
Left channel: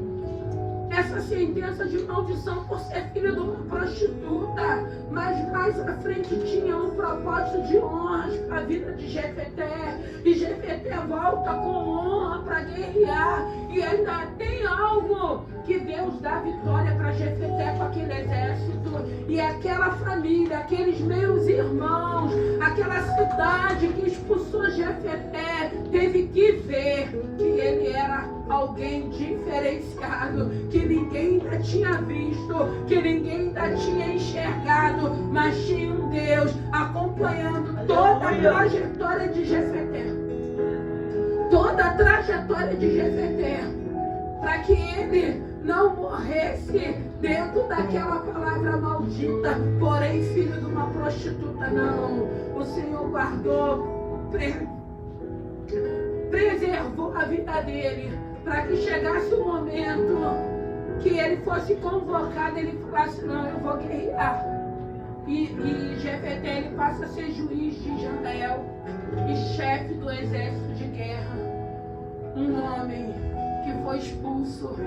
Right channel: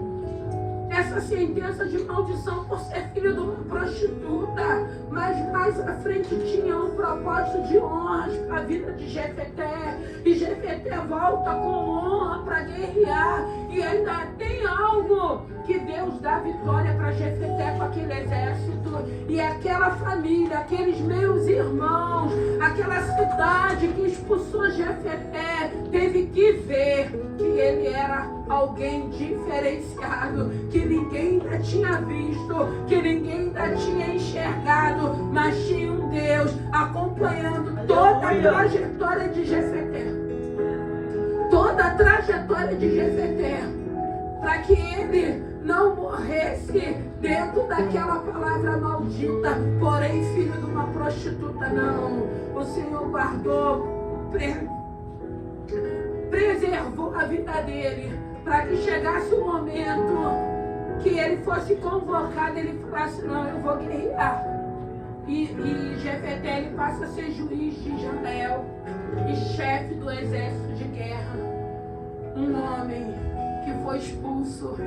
essa sentença de maldição por ser filho de uma prostituta, mas mais à frente tinha um propósito de honras para a vida de Jefté, e Jefté volta com honra para guerrear, e ainda tem algo que Deus dá vitória para Jefté com aquele exército, e aquela família, aqueles meus irmãos, aquela cidade que expulsou Jefté, teve que ver que ele era alguém diferenciado, que ninguém ainda tinha visto, que ninguém ainda tinha enxergado, mas tinha um Deus acompanhando toda a trajetória de Jefté, toda a trajetória de Jefté, para que ele não morresse dentro daquela palavra maldita, porém filho de uma prostituta. Não, o Senhor guardou, preservou a vida dele, para que chegasse o momento que ele fosse convocado, ele falasse: não, eu vou guerrear. E Jefté, ele passa a ser juiz de Israel e chefe do exército de guerra. Um homem que foi expulso,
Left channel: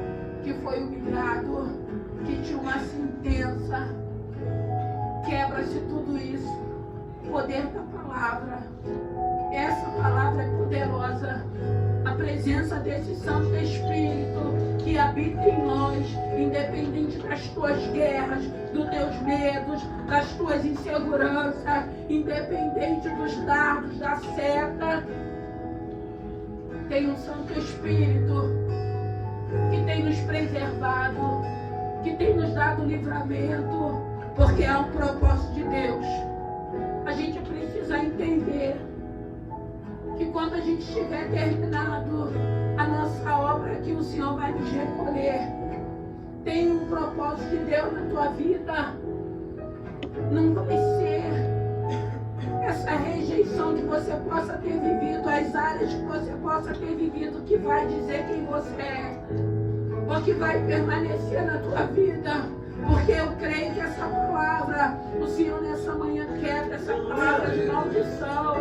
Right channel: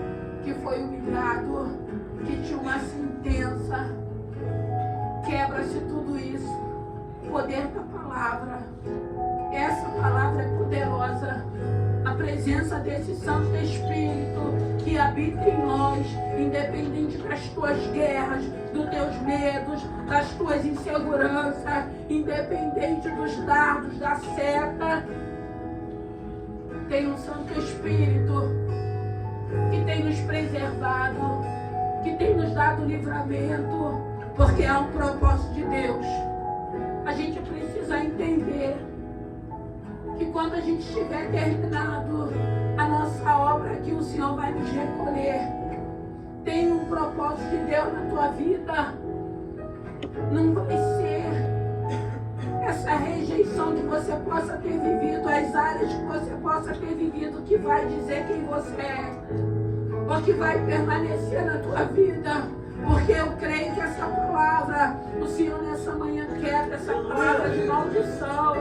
que foi humilhado, que tinha uma sentença. Quebra-se tudo isso. O poder da palavra. Essa palavra é poderosa. A presença desse Santo Espírito que habita em nós, independente das tuas guerras, dos teus medos, das tuas inseguranças, independente dos dardos, da seta, tem um Santo Espírito que tem nos preservado, que tem nos dado livramento, porque é um propósito de Deus. A gente precisa entender que quando a gente tiver terminado a nossa obra, que o Senhor vai nos recolher. Tem um propósito de Deus na tua vida. Não vai ser essa rejeição que você possa ter vivido, as áreas que você possa ter vivido, que vai dizer quem você é, ou que vai permanecer na tua vida. Porque eu creio que essa palavra, o Senhor nessa manhã quebra essa palavra de maldição.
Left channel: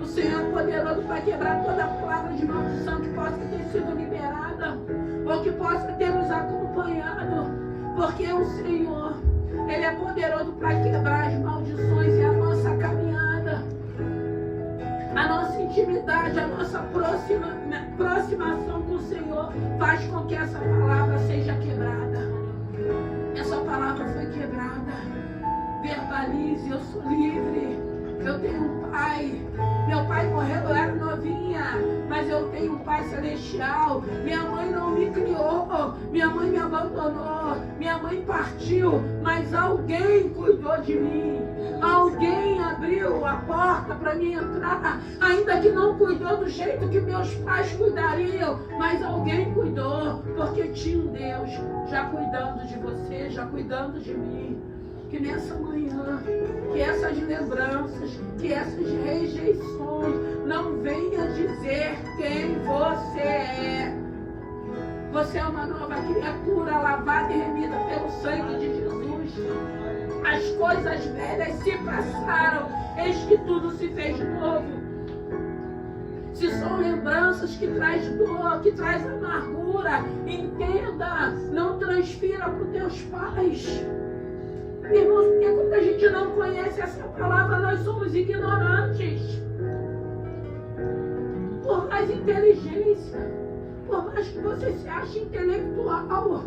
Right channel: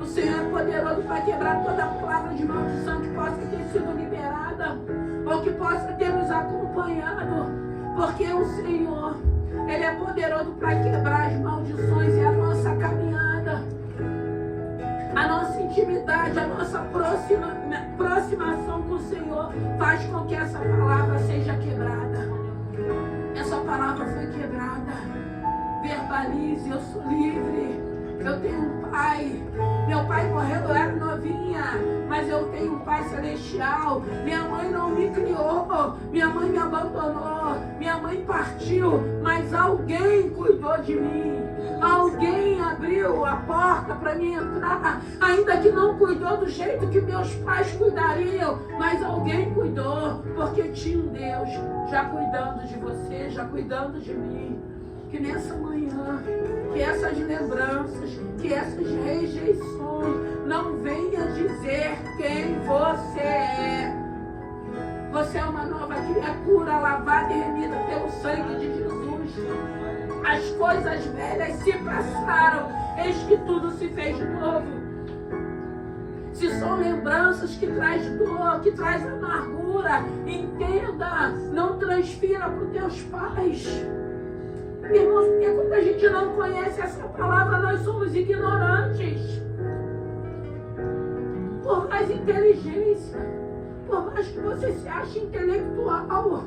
O Senhor é poderoso para quebrar toda a palavra de maldição que possa ter sido liberada, ou que possa ter nos acompanhado. Porque o Senhor, Ele é poderoso para quebrar as maldições, e a nossa caminhada, a nossa intimidade, a nossa aproximação com o Senhor faz com que essa palavra seja quebrada. Essa palavra foi quebrada. Verbalize: eu sou livre. Eu tenho um pai. Meu pai morreu, eu era novinha, mas eu tenho um pai celestial. Minha mãe não me criou, minha mãe me abandonou, minha mãe partiu, mas alguém cuidou de mim. Alguém abriu a porta para mim entrar, ainda que não cuidou do jeito que meus pais cuidariam, mas alguém cuidou, porque tinha um Deus já cuidando de você, já cuidando de mim. Que nessa manhã, que essas lembranças, que essas rejeições não venham dizer quem você é. Você é uma nova criatura, lavada e remida pelo sangue de Jesus. As coisas velhas se passaram, eis que tudo se fez novo. Se são lembranças que traz dor, que traz amargura, entenda, não transfira para os teus pais. Irmãos, porque quando a gente não conhece essa palavra, nós somos ignorantes. Por mais inteligência, por mais que você se ache intelectual,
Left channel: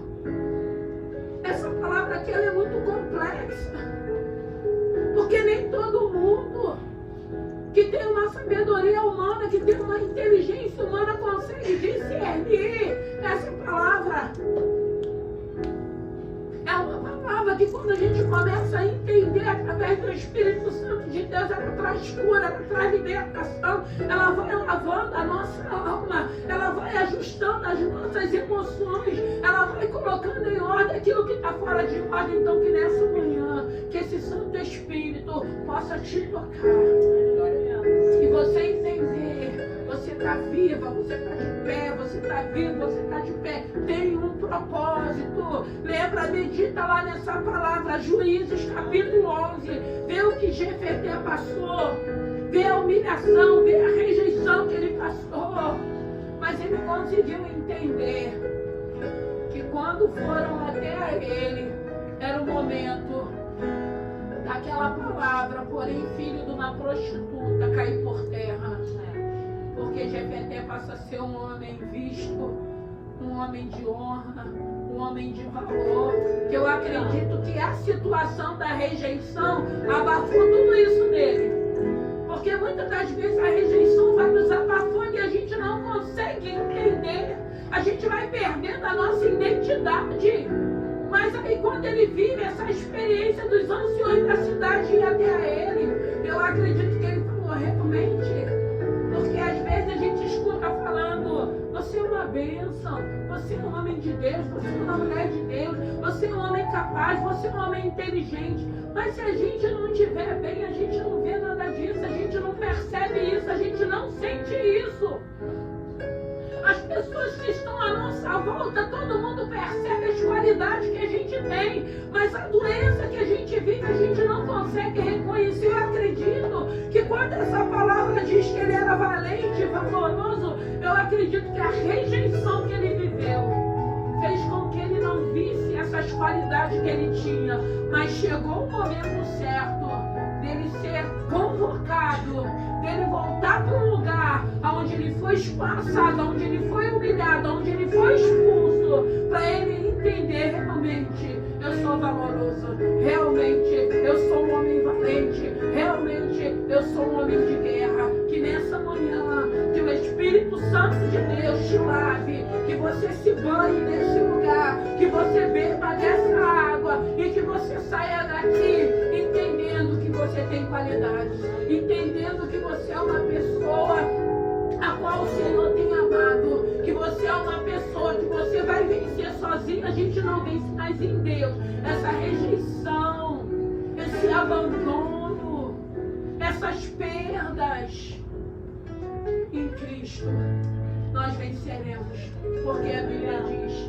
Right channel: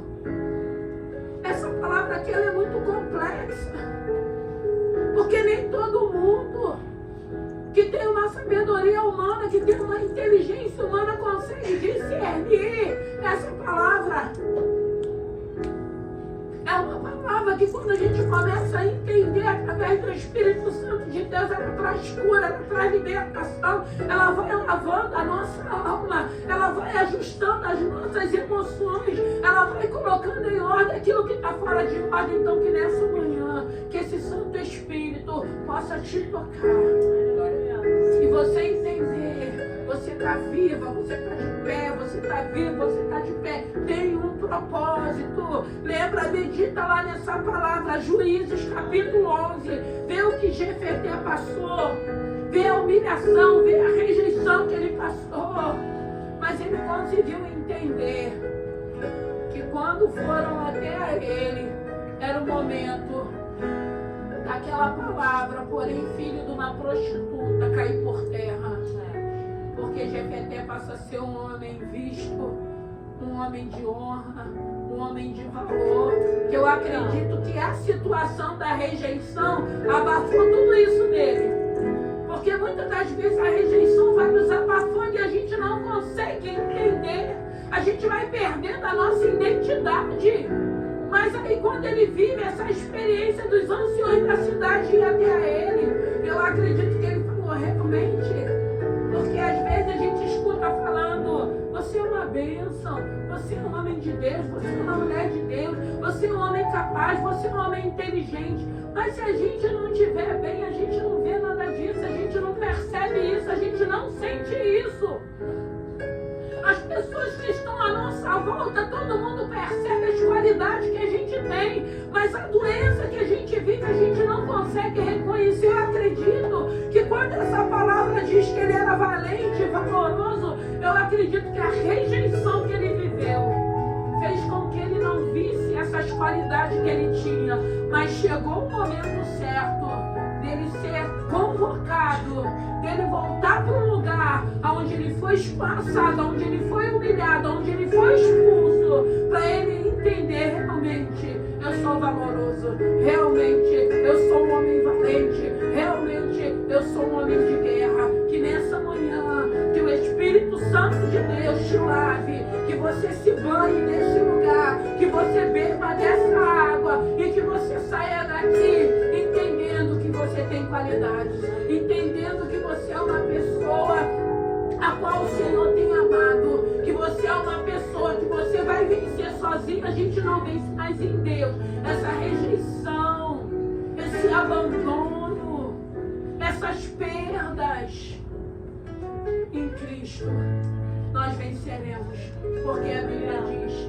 essa palavra aqui ela é muito complexa. Porque nem todo mundo que tem uma sabedoria humana, que tem uma inteligência humana, consegue discernir essa palavra. É uma palavra que quando a gente começa a entender através do Espírito Santo de Deus, ela traz cura, ela traz libertação, ela vai lavando a nossa alma, ela vai ajustando as nossas emoções, ela vai colocando em ordem aquilo que está fora de ordem. Então que nessa manhã, que esse Santo Espírito Espírito possa te tocar. E você entender, você está viva, você está de pé, você está vivo, você está de pé, tem um propósito. Lembra, medita lá nessa palavra, Juízes capítulo 11, vê o que Jefté passou, vê a humilhação, vê a rejeição que ele passou, mas ele conseguiu entender que quando foram até ele, era o momento daquela palavra, porém filho de uma prostituta cair por terra. Porque Jefté passa a ser um homem visto, um homem de honra, um homem de valor. Que eu acredito que a situação da rejeição abafou tudo isso nele. Porque muitas das vezes a rejeição vai nos abafando e a gente não consegue entender. A gente vai perdendo a nossa identidade. Mas aí quando ele vive essa experiência dos anciões da cidade ir até a ele, eu acredito que ele falou realmente. Porque às vezes a gente escuta falando, você é uma bênção, você é um homem de Deus, você é uma mulher de Deus, você é um homem capaz, você é um homem inteligente. Mas se a gente não estiver bem, a gente não vê nada disso, a gente não percebe isso, a gente não sente isso. As pessoas que estão à nossa volta, todo mundo percebe as qualidades que a gente tem, mas a doença que a gente vive, a gente não consegue reconhecer. Eu acredito que quando essa palavra diz que ele era valente, valoroso, eu acredito que a rejeição que ele viveu fez com que ele não visse essas qualidades que ele tinha, mas chegou o momento certo dele ser convocado, dele voltar para um lugar onde ele foi espaçado, onde ele foi humilhado, onde ele foi expulso, para ele entender realmente eu sou valoroso, realmente eu sou um homem valente, realmente eu sou um homem de guerra. Que nessa manhã, que o Espírito Santo de Deus te lave, que você se banhe nesse lugar, que você beba dessa água e que você saia daqui entendendo que você tem qualidades, entendendo que você é uma pessoa a qual o Senhor tem amado, que você é uma pessoa que você vai vencer sozinho, a gente não vence mais em Deus. Essa rejeição, esse abandono, essas perdas, em Cristo nós venceremos, porque a Bíblia diz